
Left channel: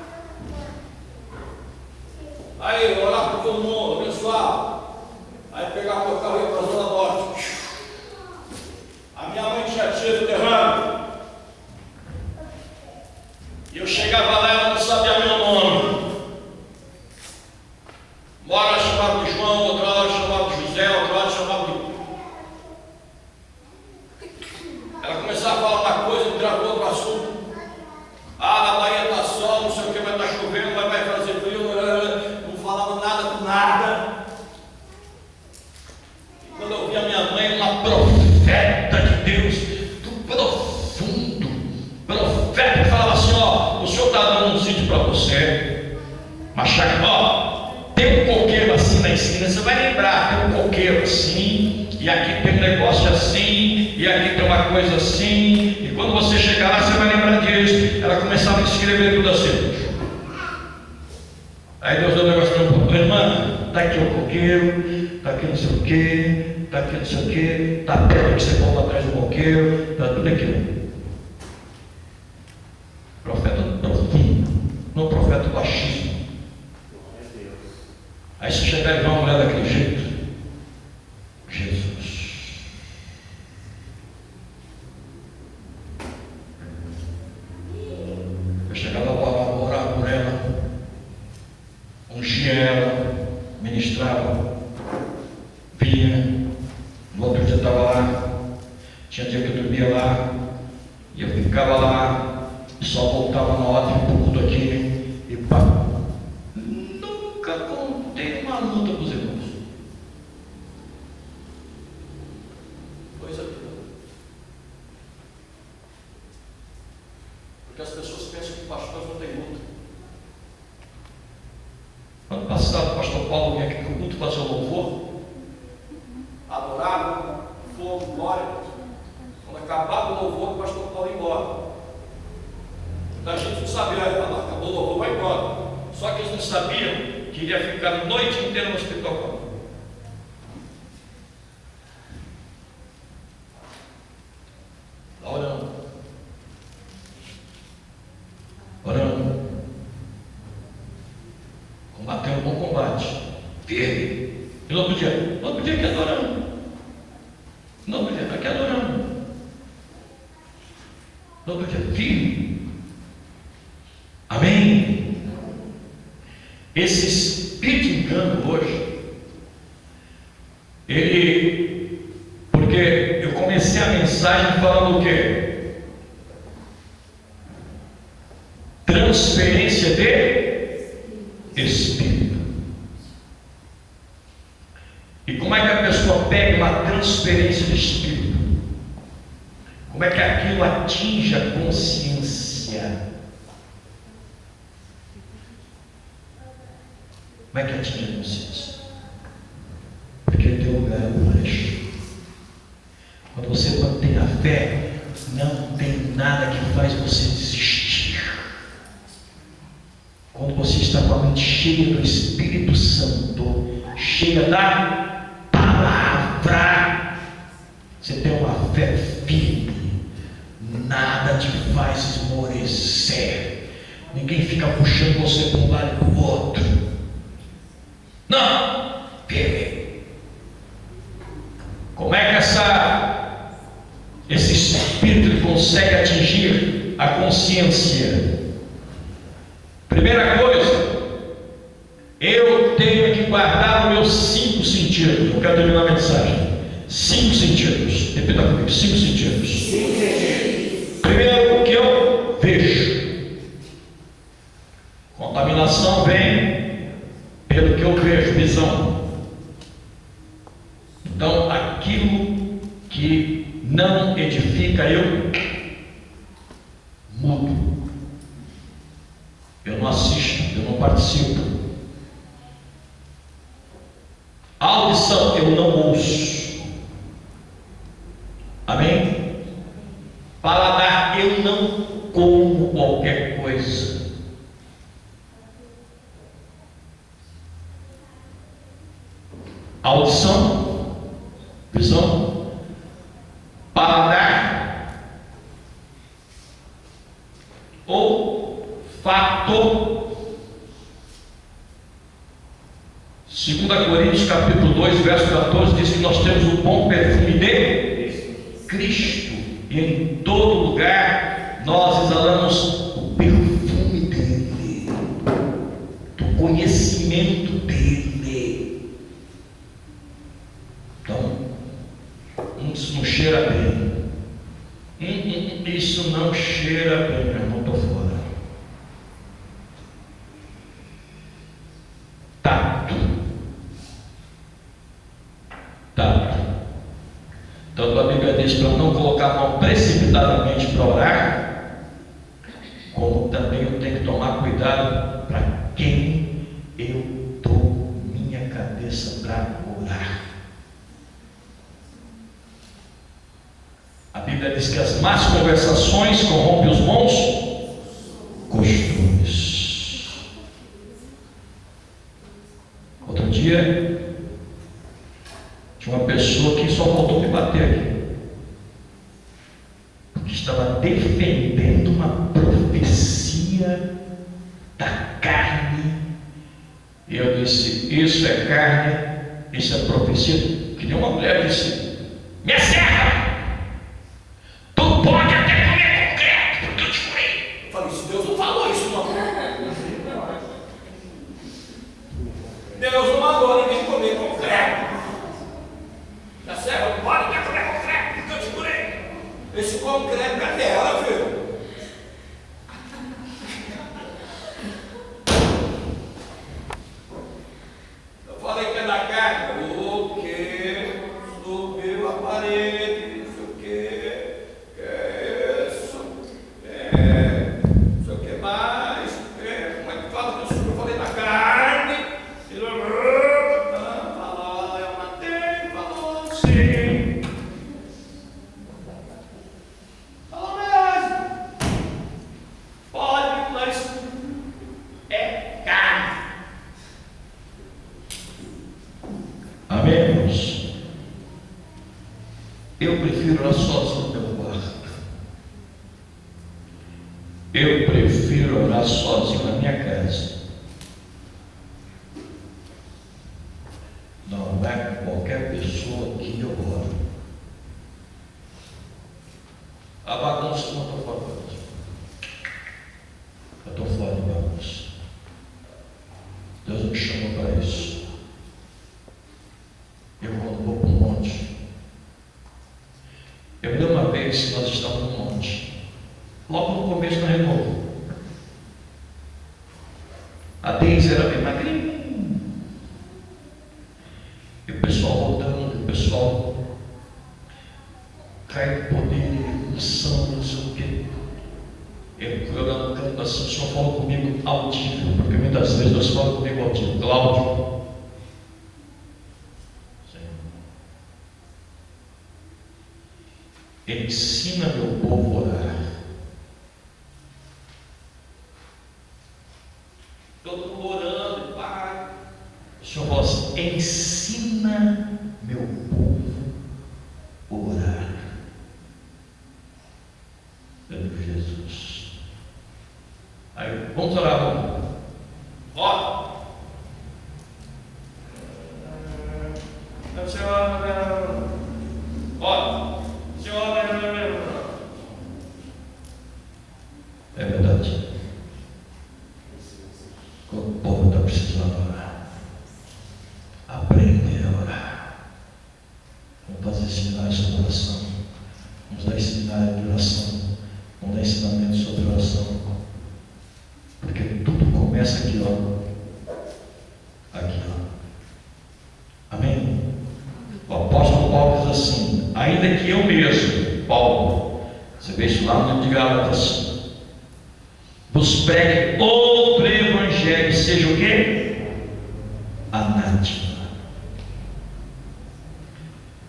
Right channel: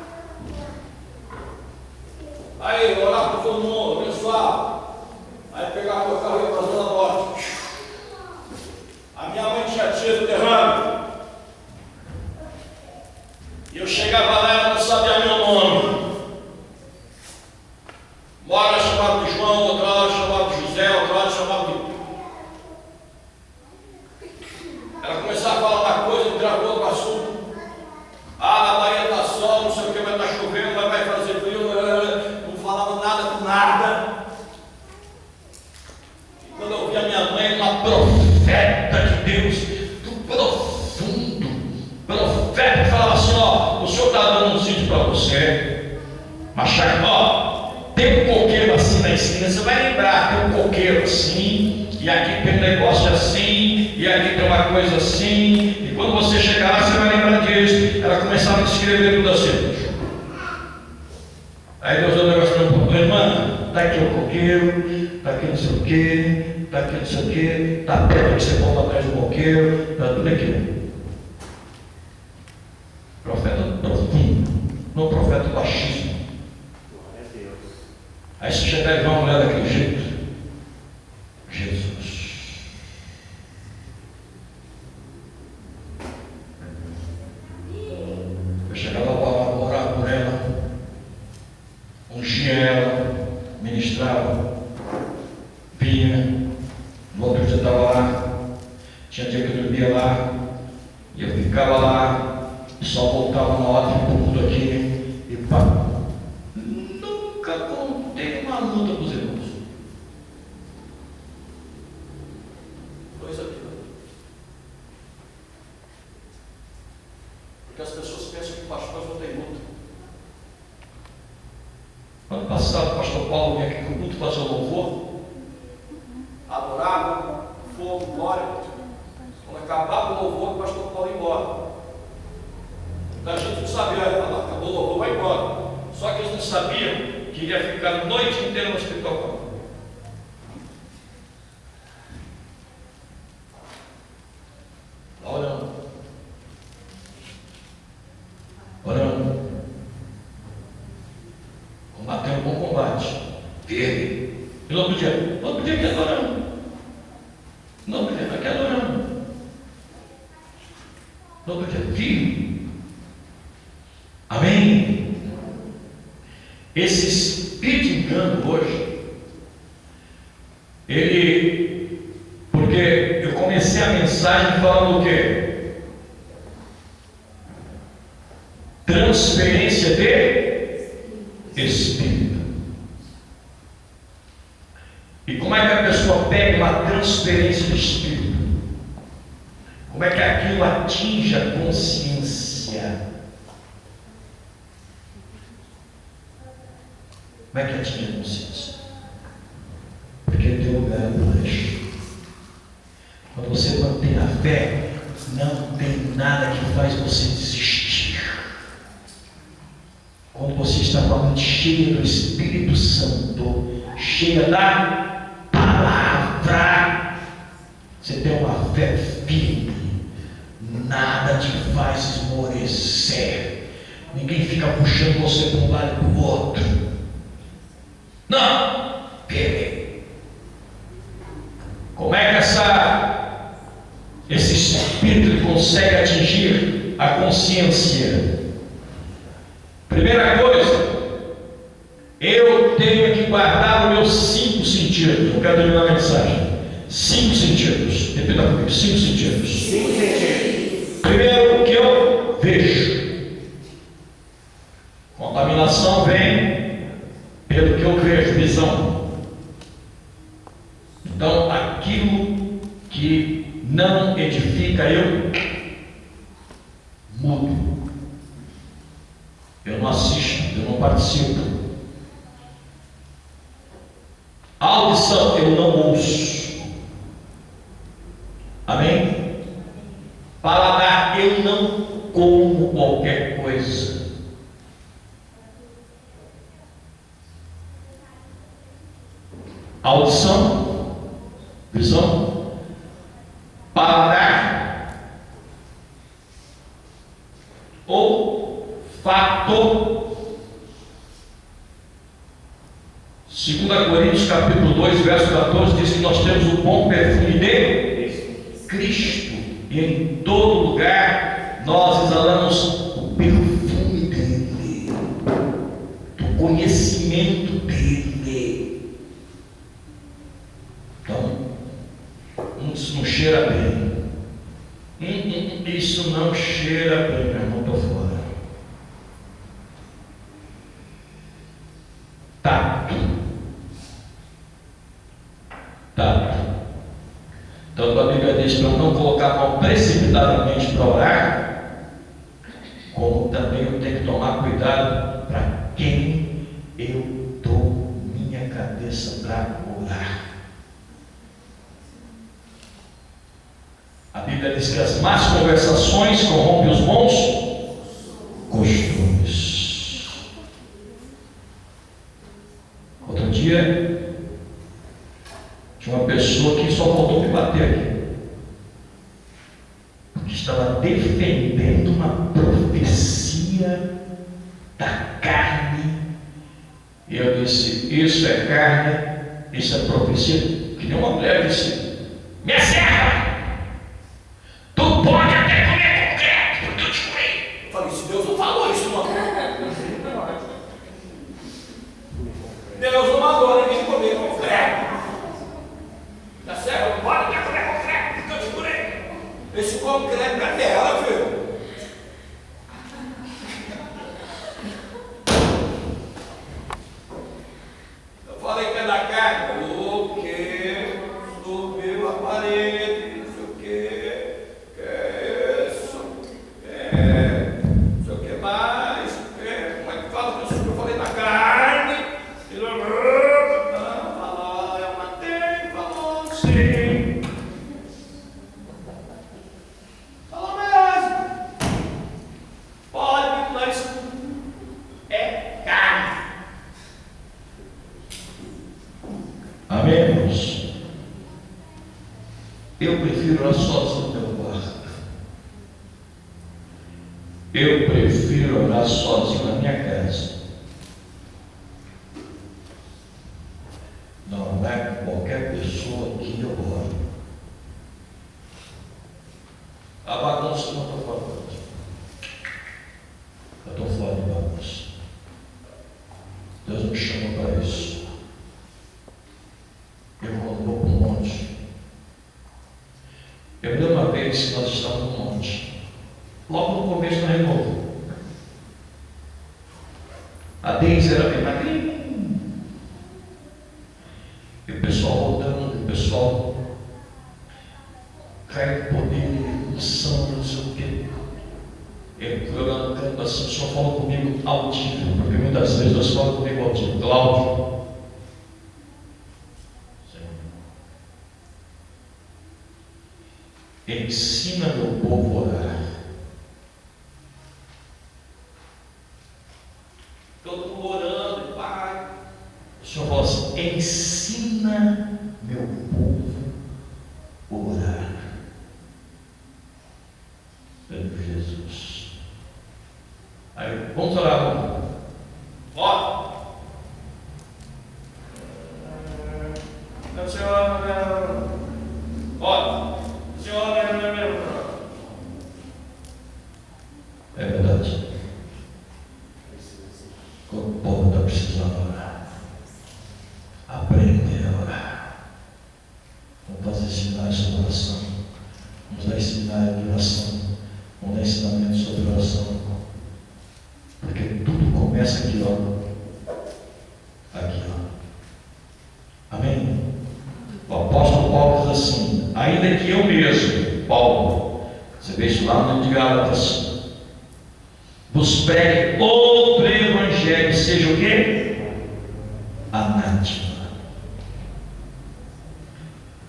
Aí, orar para todo mundo, pessoal. Aí pegava meu carro e ia para a Zona Norte. A minha mãe tinha tido derrame. E eu chegava lá e ela não sabia meu nome. Uma hora chamava de João, outra hora chamava de José, outra hora chamava de... Ela começava a falar uma coisa, me travou outro assunto. Na Bahia está sol, não sei o que, vai estar chovendo, vai fazer frio, não falava nada com nada. E quando eu vi a minha mãe, uma profeta de Deus, do profundo, profeta, que falava assim, o Senhor está dando um sítio para você, mas tem um coqueiro assim na esquina, você vai lembrar, tem um coqueiro assim, e aqui tem um negócio assim, e aqui tem uma coisa assim, e quando você chegar lá, você vai lembrar disso. Ela começava a escrever tudo assim. Aí Deus deu um negócio para mim, irmã, está aqui o coqueiro, está aqui não sei o que, está aqui não sei o que, está a pedra que você põe atrás do coqueiro, está tudo aqui. Profeta profundo, não profeta baixíssimo. Aí se chegar e ver uma mulher daquele jeito, Jesus. Eu chegava para orar por ela, ungia ela, ministrava, vinha, no outro dia estava lá, tinha dia que eu dormia lá, e eu ficava lá, e só voltava na hora de culto aqui, e pá. Nunca contei uma luta com os irmãos. Coisa aqui. Porque as pessoas pensam que pastores não têm luta. Ano passado, o pastor Paulo vinha aqui no culto fazer o louvor, adorava, fogo, glória. Quando acabava o louvor, o pastor Paulo ia embora. A gente não sabia, acabou o louvor, vai embora. Só que eles não sabiam que iria ficar a noite inteira no hospital. Lá orando. Combatendo um bom combate. Firme. E no outro dia aqui adorando. No outro dia aqui adorando. No outro dia firme. Amém? Esse espírito de engano hoje, porque eu comecei a mensagem falando o quê? Transferência de espírito. E como é que a pessoa pega uma transferência de espírito? Como é que aquilo atinge a consciência? Como é que atinge a consciência? Porque o teu lugar é baixo. Quando você mantém a fé, não tem nada que faz você desistir. Quando você está com a mente cheia do Espírito Santo, cheia da palavra, você tem uma fé firme, nada te faz esmorecer, ninguém fica puxando você para um lado e para o outro. Não, firme. Como é que esse Espírito consegue atingir a consciência? Primeira coisa, eu tenho que guardar os meus 5 sentidos. Eu quero terminar a mensagem. 5 sentidos. Repita comigo: 5 sentidos. 5 sentidos. Primeiro, o que eu vejo. Contaminação vem pelo que eu vejo, visão. Então, aquilo que não edifica, eu mudo. Eu não assisto, eu não participo. Audição, eu não ouço. Amém? Paladar, eu não como qualquer coisa. Audição, visão, paladar, olfato. 2 Coríntios capítulo 2, verso 14 diz que nós temos o bom perfume de Cristo, e em todo lugar nós exalamos o perfume dele, do conhecimento dele. Então, isso não cheira bem. Isso não cheira bem, meu irmão, estou fora. Tato. Tanto a Bíblia diz para não colocar a mão precipitadamente para orar, como também eu tenho que tomar cuidado para quem eu dou minha cabeça para orar. A Bíblia diz que as más conversações corrompem os bons costumes. Outro dia, tinha uma pessoa que só faltou me bater aqui, porque estava defendendo uma profecia da carne. E eu disse: isso é carne, isso é profecia. Que nem uma mulher disse: minha serva, tu pode até comer concreto, porque eu te curei. Eu falei: se Deus não falou isso, não. Deus não mandou ninguém comer concreto. Minha serva, pode até comer concreto, porque eu te curei. Esse concreto é dela, viu? Eu falei que é da carne. O que? Subiu a parede, não sei o que. Que é isso? Não sei o que mais. Como é que fala que eu falei da carne? E falou, eu matei, falou sim. Falou mesmo. Pode, mas é carne. Amém, irmãos? Eu prefiro orar sozinho no meu quarto. Eu prefiro orar sozinho na minha casa. Não é com qualquer pessoa que eu oro. A bagunça não estou falando. Eu estou fora de bagunça. Deus me chamou para isso. Eu quando vou para um monte. Eu me lembro uma vez que nós estávamos no monte. Logo no começo do renovo. A Deise era bem magrinha. E o pessoal voltando, o pessoal caiu por dele, unção, não sei o quê. Eu lá no canto assim, o senhor fala comigo audível, porque muitas vezes Deus fala comigo audível. Cláudio, ensina meu povo a orar. Todo mundo orando, Pai. O Senhor fala assim: ensina meu povo a orar. Meu Jesus. Aí, vamos orar, vamos. Ó. Senhor, ó. Senhor, é verdade. O povo está precisando orar. Aprender a orar. Vamos fazer sinais sobre oração. Vamos dar sinais de oração. Vamos dar ensinamento sobre oração. Porque tudo começa aqui, ó. Aqui, ó. Amém? O apóstolo Paulo diz assim: ainda que eu mesmo, Paulo, você vê isso lá no livro de Gálatas, vos pregue outro evangelho, seja o quê? Anátema.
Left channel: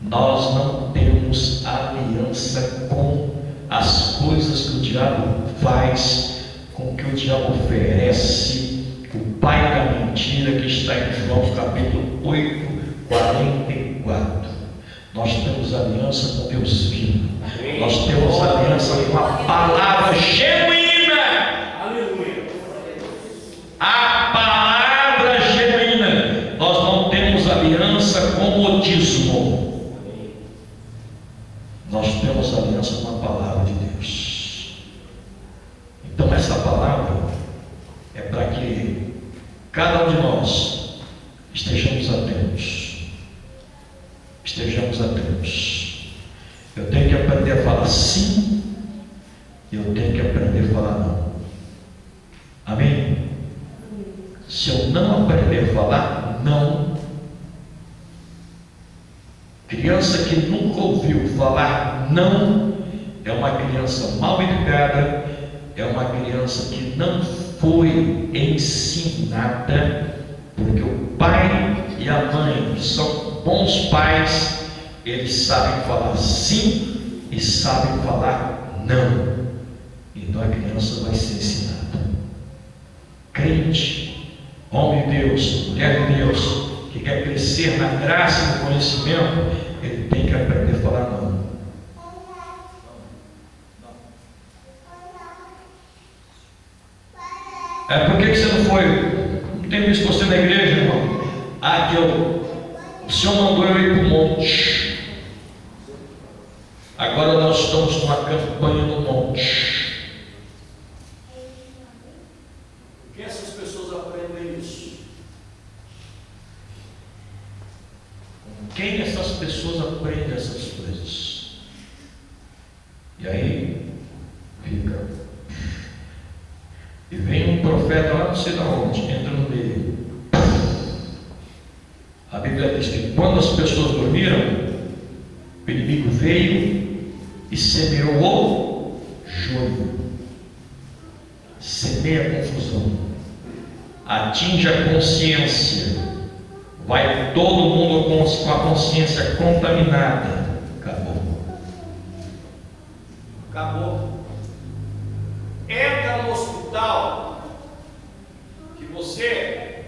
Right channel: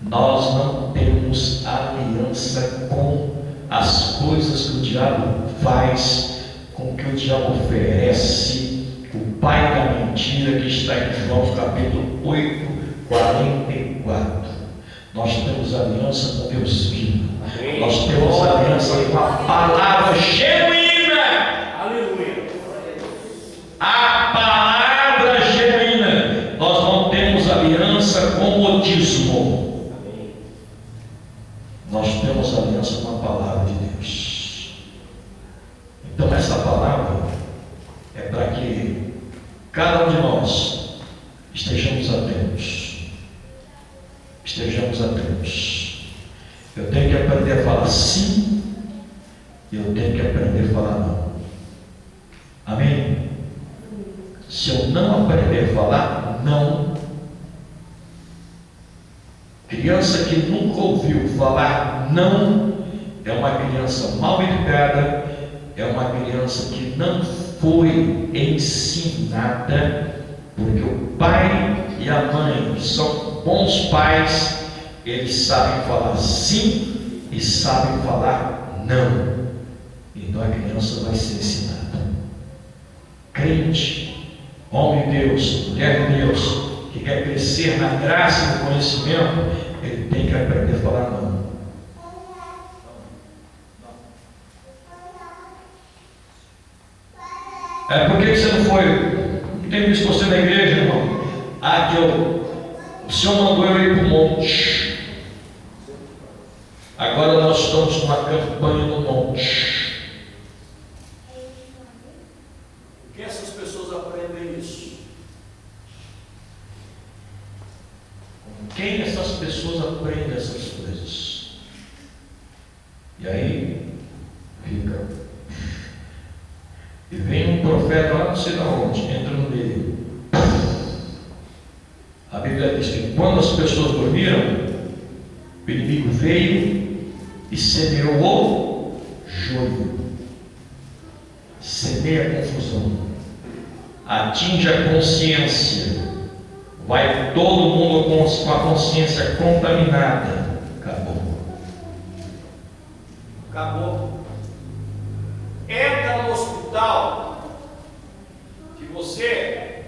Nós não temos aliança com as coisas que o diabo faz, com o que o diabo oferece, o pai da mentira, que está em João capítulo 8, 44. Nós temos aliança com Deus vivo. Nós temos aliança com a palavra genuína. Aleluia. A palavra genuína. Nós não temos aliança com o modismo. Nós temos aliança com a palavra de Deus. Então essa palavra é para que cada um de nós estejamos atentos. Estejamos atentos. Eu tenho que aprender a falar sim, e eu tenho que aprender a falar não. Amém? Se eu não aprender a falar não, criança que nunca ouviu falar não é uma criança mal educada, é uma criança que não foi ensinada, porque o pai e a mãe, que são bons pais, eles sabem falar sim e sabem falar não. Então a criança vai ser ensinada. Crente, homem de Deus, mulher de Deus, que quer crescer na graça e no conhecimento, ele tem que aprender a falar não. Por que você não foi? Não tenho visto você na igreja, irmão. O Senhor mandou eu ir para o monte. Agora nós estamos numa campanha no monte. Por que essas pessoas aprendem isso? Com quem essas pessoas aprendem essas coisas? E aí fica. E vem um profeta lá não sei de onde, entra no meio. A Bíblia diz que quando as pessoas dormiram, o inimigo veio e semeou o joio. Semeia a confusão. Atinge a consciência. Vai todo mundo com a consciência contaminada. Acabou. Acabou. Entra no hospital que você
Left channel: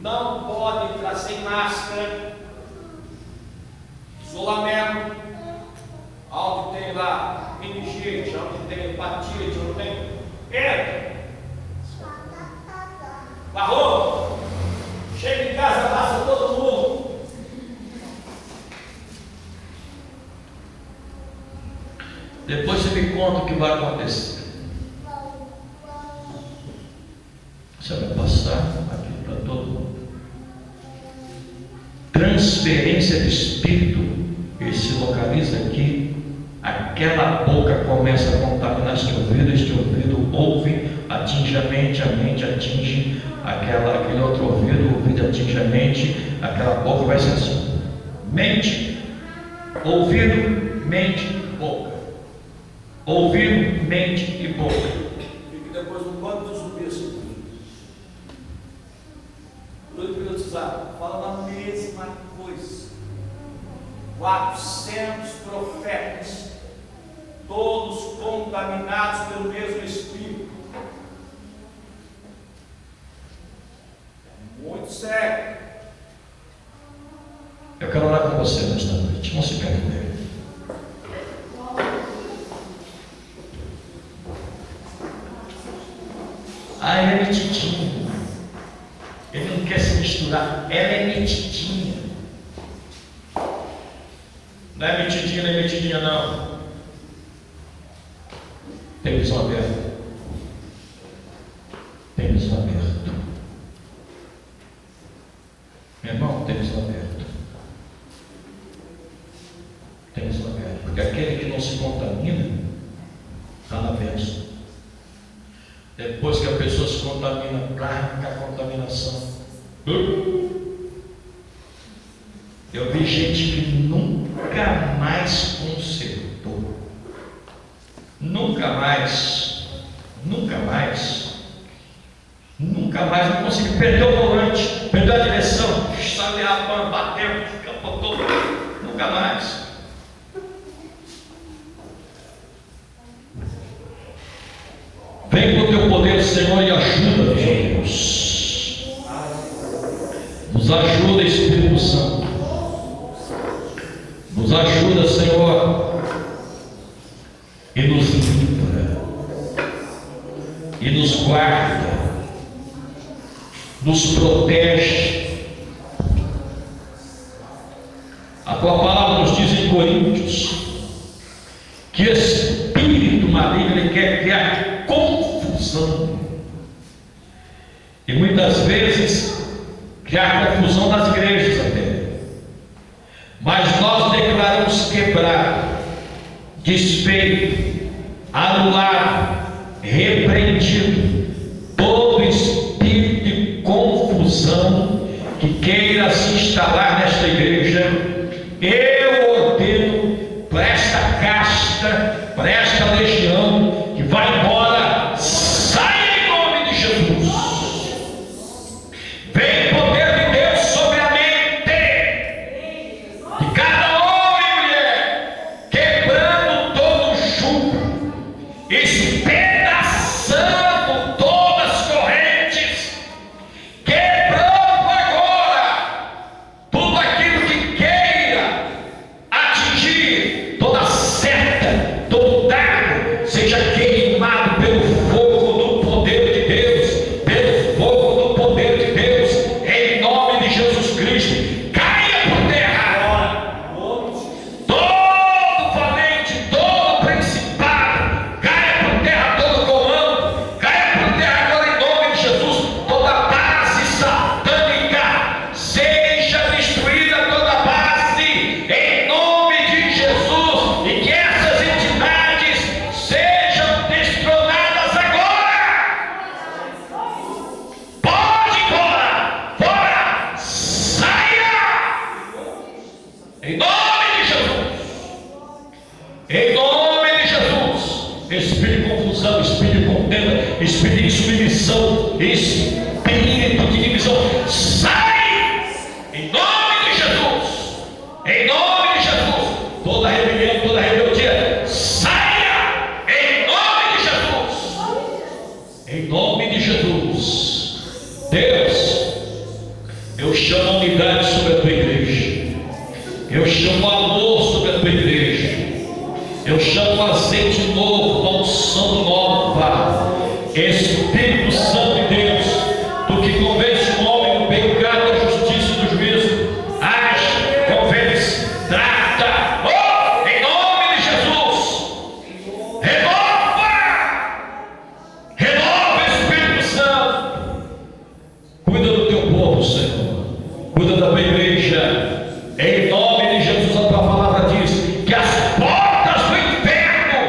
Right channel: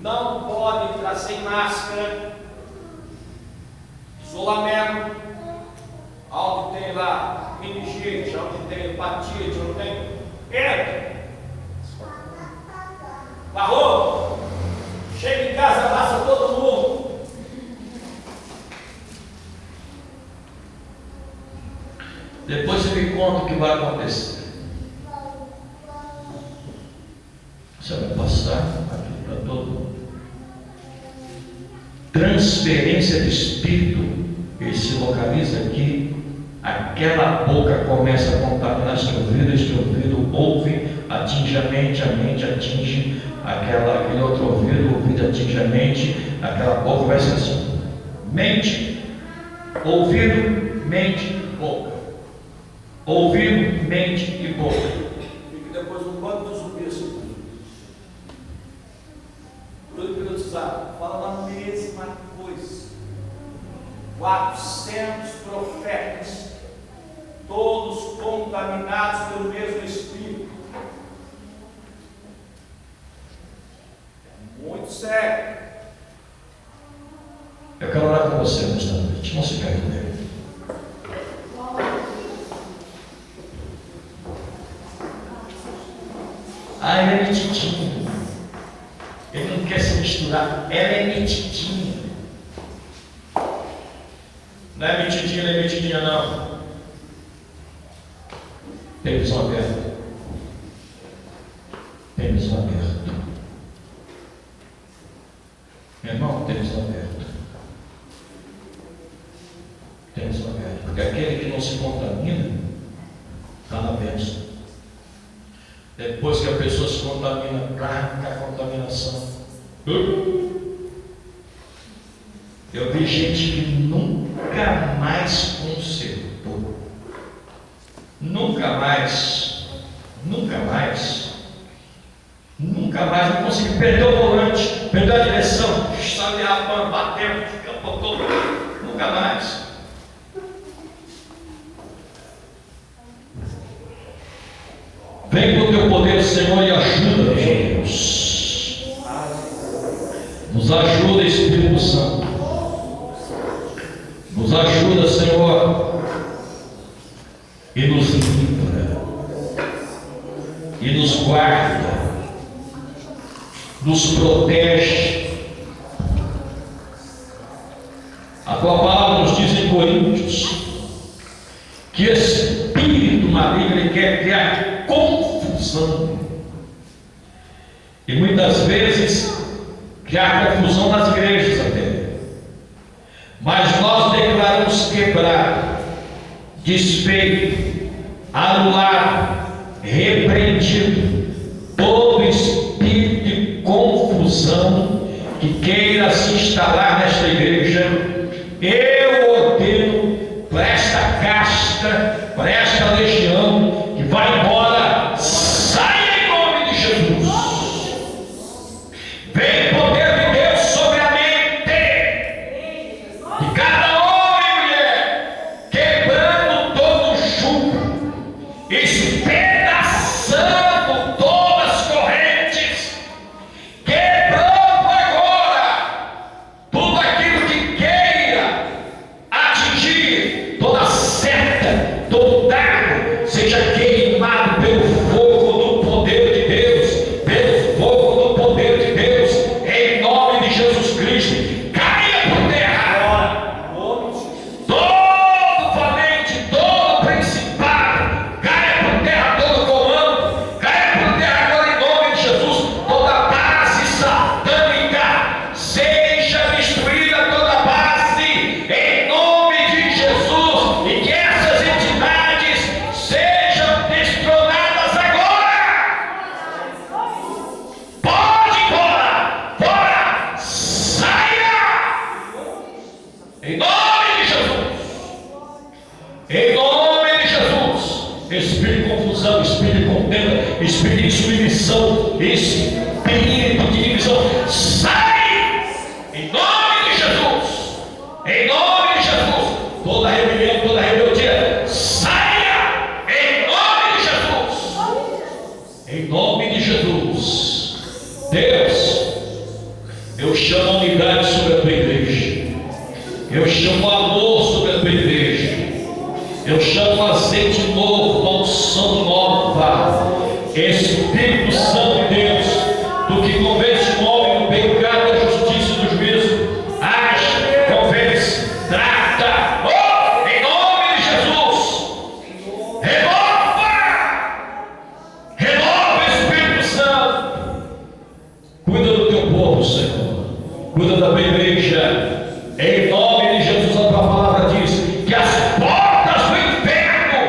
não pode entrar sem máscara, isolamento, onde tem lá meningite, onde tem hepatite, onde tem. Entra. Barrou. Chega em casa, passa todo mundo. Depois você me conta o que vai acontecer. Você vai passar aqui para todo mundo. Transferência de espírito. Ele se localiza aqui. Aquela boca começa a contaminar este ouvido ouve, atinge a mente atinge aquele outro ouvido, o ouvido atinge a mente, aquela boca vai ser assim. Mente, ouvido, mente, boca. ouvido, mente e boca. Fique depois um bando de zumbis. Tudo hipnotizado. Fala na mesma coisa. 400 profetas, todos contaminados pelo mesmo Espírito. É muito sério. Eu quero orar com você nesta noite. Não se perca. Ah, ela é metidinha. Ele não quer se misturar. Ela é metidinha. Não é metidinha, não é metidinha, não. Tem visão aberta. Tem visão aberta. Meu irmão, tem visão aberta. Tem visão aberta. Porque aquele que não se contamina está na bênção. Depois que a pessoa se contamina, arranca a contaminação. Eu vi gente que nunca mais consertou. Nunca mais não conseguiu. Perdeu o volante, perdeu a direção, sabe, bateu, capotou. Nunca mais. Vem com o teu poder, Senhor, e ajuda-nos, Deus. Nos ajuda, Espírito Santo. Nos ajuda, Senhor, e nos livra, e nos guarda, nos protege. A tua palavra nos diz em Coríntios que espírito maligno ele quer criar confusão, e muitas vezes criar confusão nas igrejas até. Mas nós declaramos quebrar, desfeito, anulado, repreendido todo espírito de confusão que queira se instalar nesta igreja. Eu ordeno para esta casta, para esta legião que vai embora, saia em nome de Jesus. Vem poder de Deus sobre a mente de cada homem e mulher, quebrando todo jugo, espedaçando todas as correntes, quebrando agora tudo aquilo que queira atingir, toda seta, todo dardo, seja queimado pelo fogo do poder de Deus, pelo fogo do poder de Deus, em nome de Jesus Cristo. Caia por terra todo valente, todo principado, caia por terra todo comando, caia por terra agora em nome de Jesus. Toda base satânica seja destruída, toda base em nome de Jesus, e que essas entidades sejam destronadas agora. Pode ir embora, fora, saia, em nome de Jesus, em nome de Jesus. Espírito de confusão, espírito de contenda, espírito de submissão, espírito de divisão, sai, em nome de Jesus, em nome de Jesus. Toda rebelião, toda rebeldia, saia, em nome de Jesus, em nome de Jesus. Deus, eu chamo a unidade sobre a tua igreja, eu chamo o amor sobre a tua igreja, eu chamo o azeite novo, a unção nova. Espírito Santo de Deus, tu que convence o homem do pecado, da justiça e do juízo, age, convence, trata, oh, em nome de Jesus. Renova, Espírito Santo. Cuida do teu povo, Senhor, cuida da tua igreja, em nome de Jesus. A tua palavra diz que as portas do inferno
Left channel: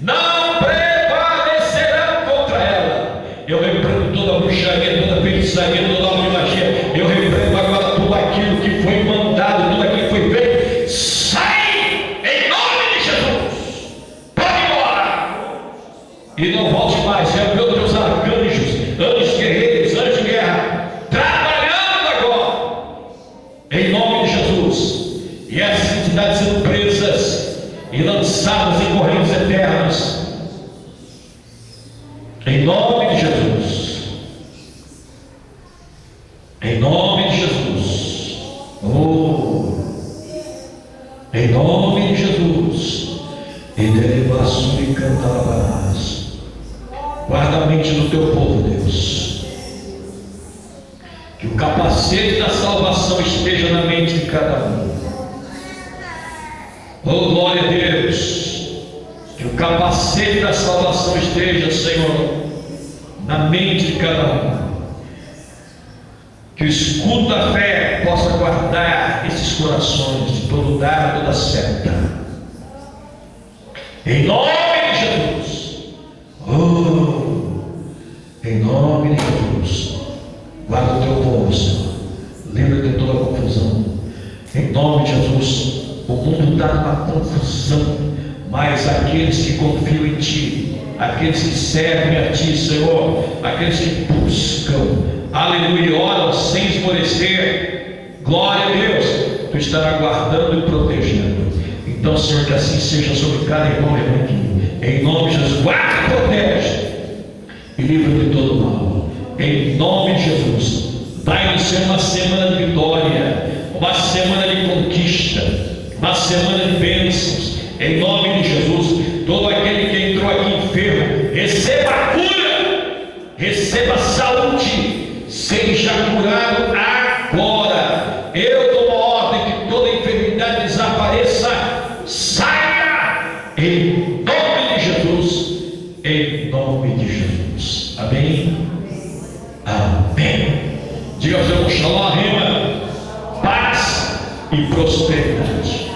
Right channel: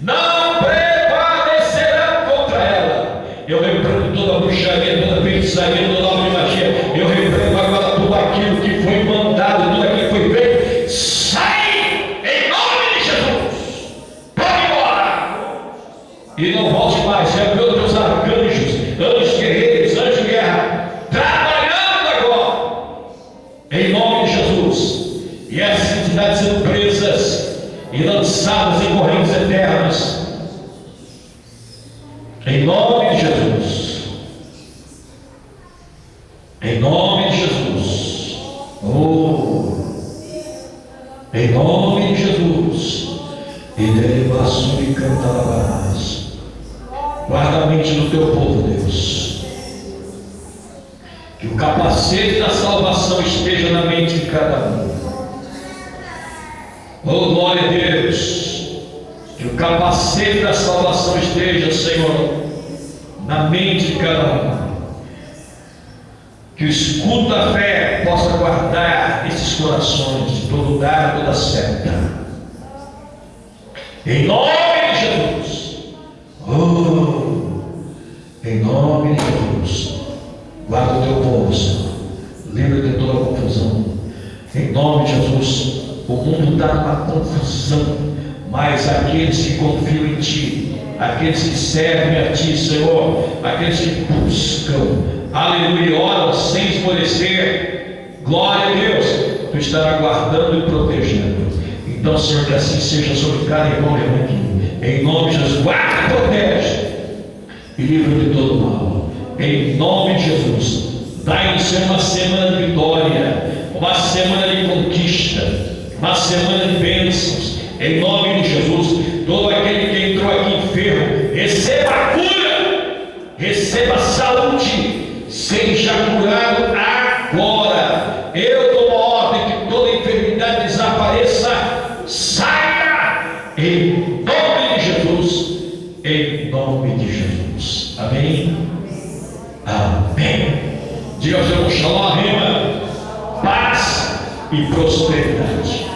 não prevalecerão contra ela. e não volte mais. Já viu teus arcanjos, anjos guerreiros, anjos de guerra, trabalhando agora, em nome de Jesus. E essas entidades sendo presas e lançadas em correntes eternas, em nome de Jesus. Em nome de Jesus. Oh, em nome de Jesus. E derivaço e cantarás. Guarda a mente do teu povo, Deus. Que o capacete da salvação esteja na mente de cada um. Oh, glória a Deus. Que o capacete da salvação esteja, Senhor, na mente de cada um. Que o escudo da fé possa guardar esses corações de todo dado, toda seta. Em nome de Jesus. Oh, em nome de Jesus. Guarda o teu povo, Senhor. Livra de toda confusão. Em nome de Jesus. O mundo está numa confusão, mas aqueles que confiam em Ti, aqueles que servem a Ti, Senhor, aqueles que buscam, aleluia, oram sem esmorecer, glória a Deus, Tu estás guardando e protegendo. Então, Senhor, que assim seja sobre cada irmão aqui, em nome de Jesus. Guarda e protege e livra de todo mal, em nome de Jesus. Vai-nos ser uma semana de vitória, uma semana de conquista, uma semana de bênçãos, em nome de Jesus. Todo aquele que entrou aqui enfermo, receba a cura, receba a saúde, seja curado agora. Eu dou uma ordem que toda enfermidade desapareça, saia, em nome de Jesus, em nome de Jesus. Amém? Amém. Diga ao seu shalom, rima, paz e prosperidade.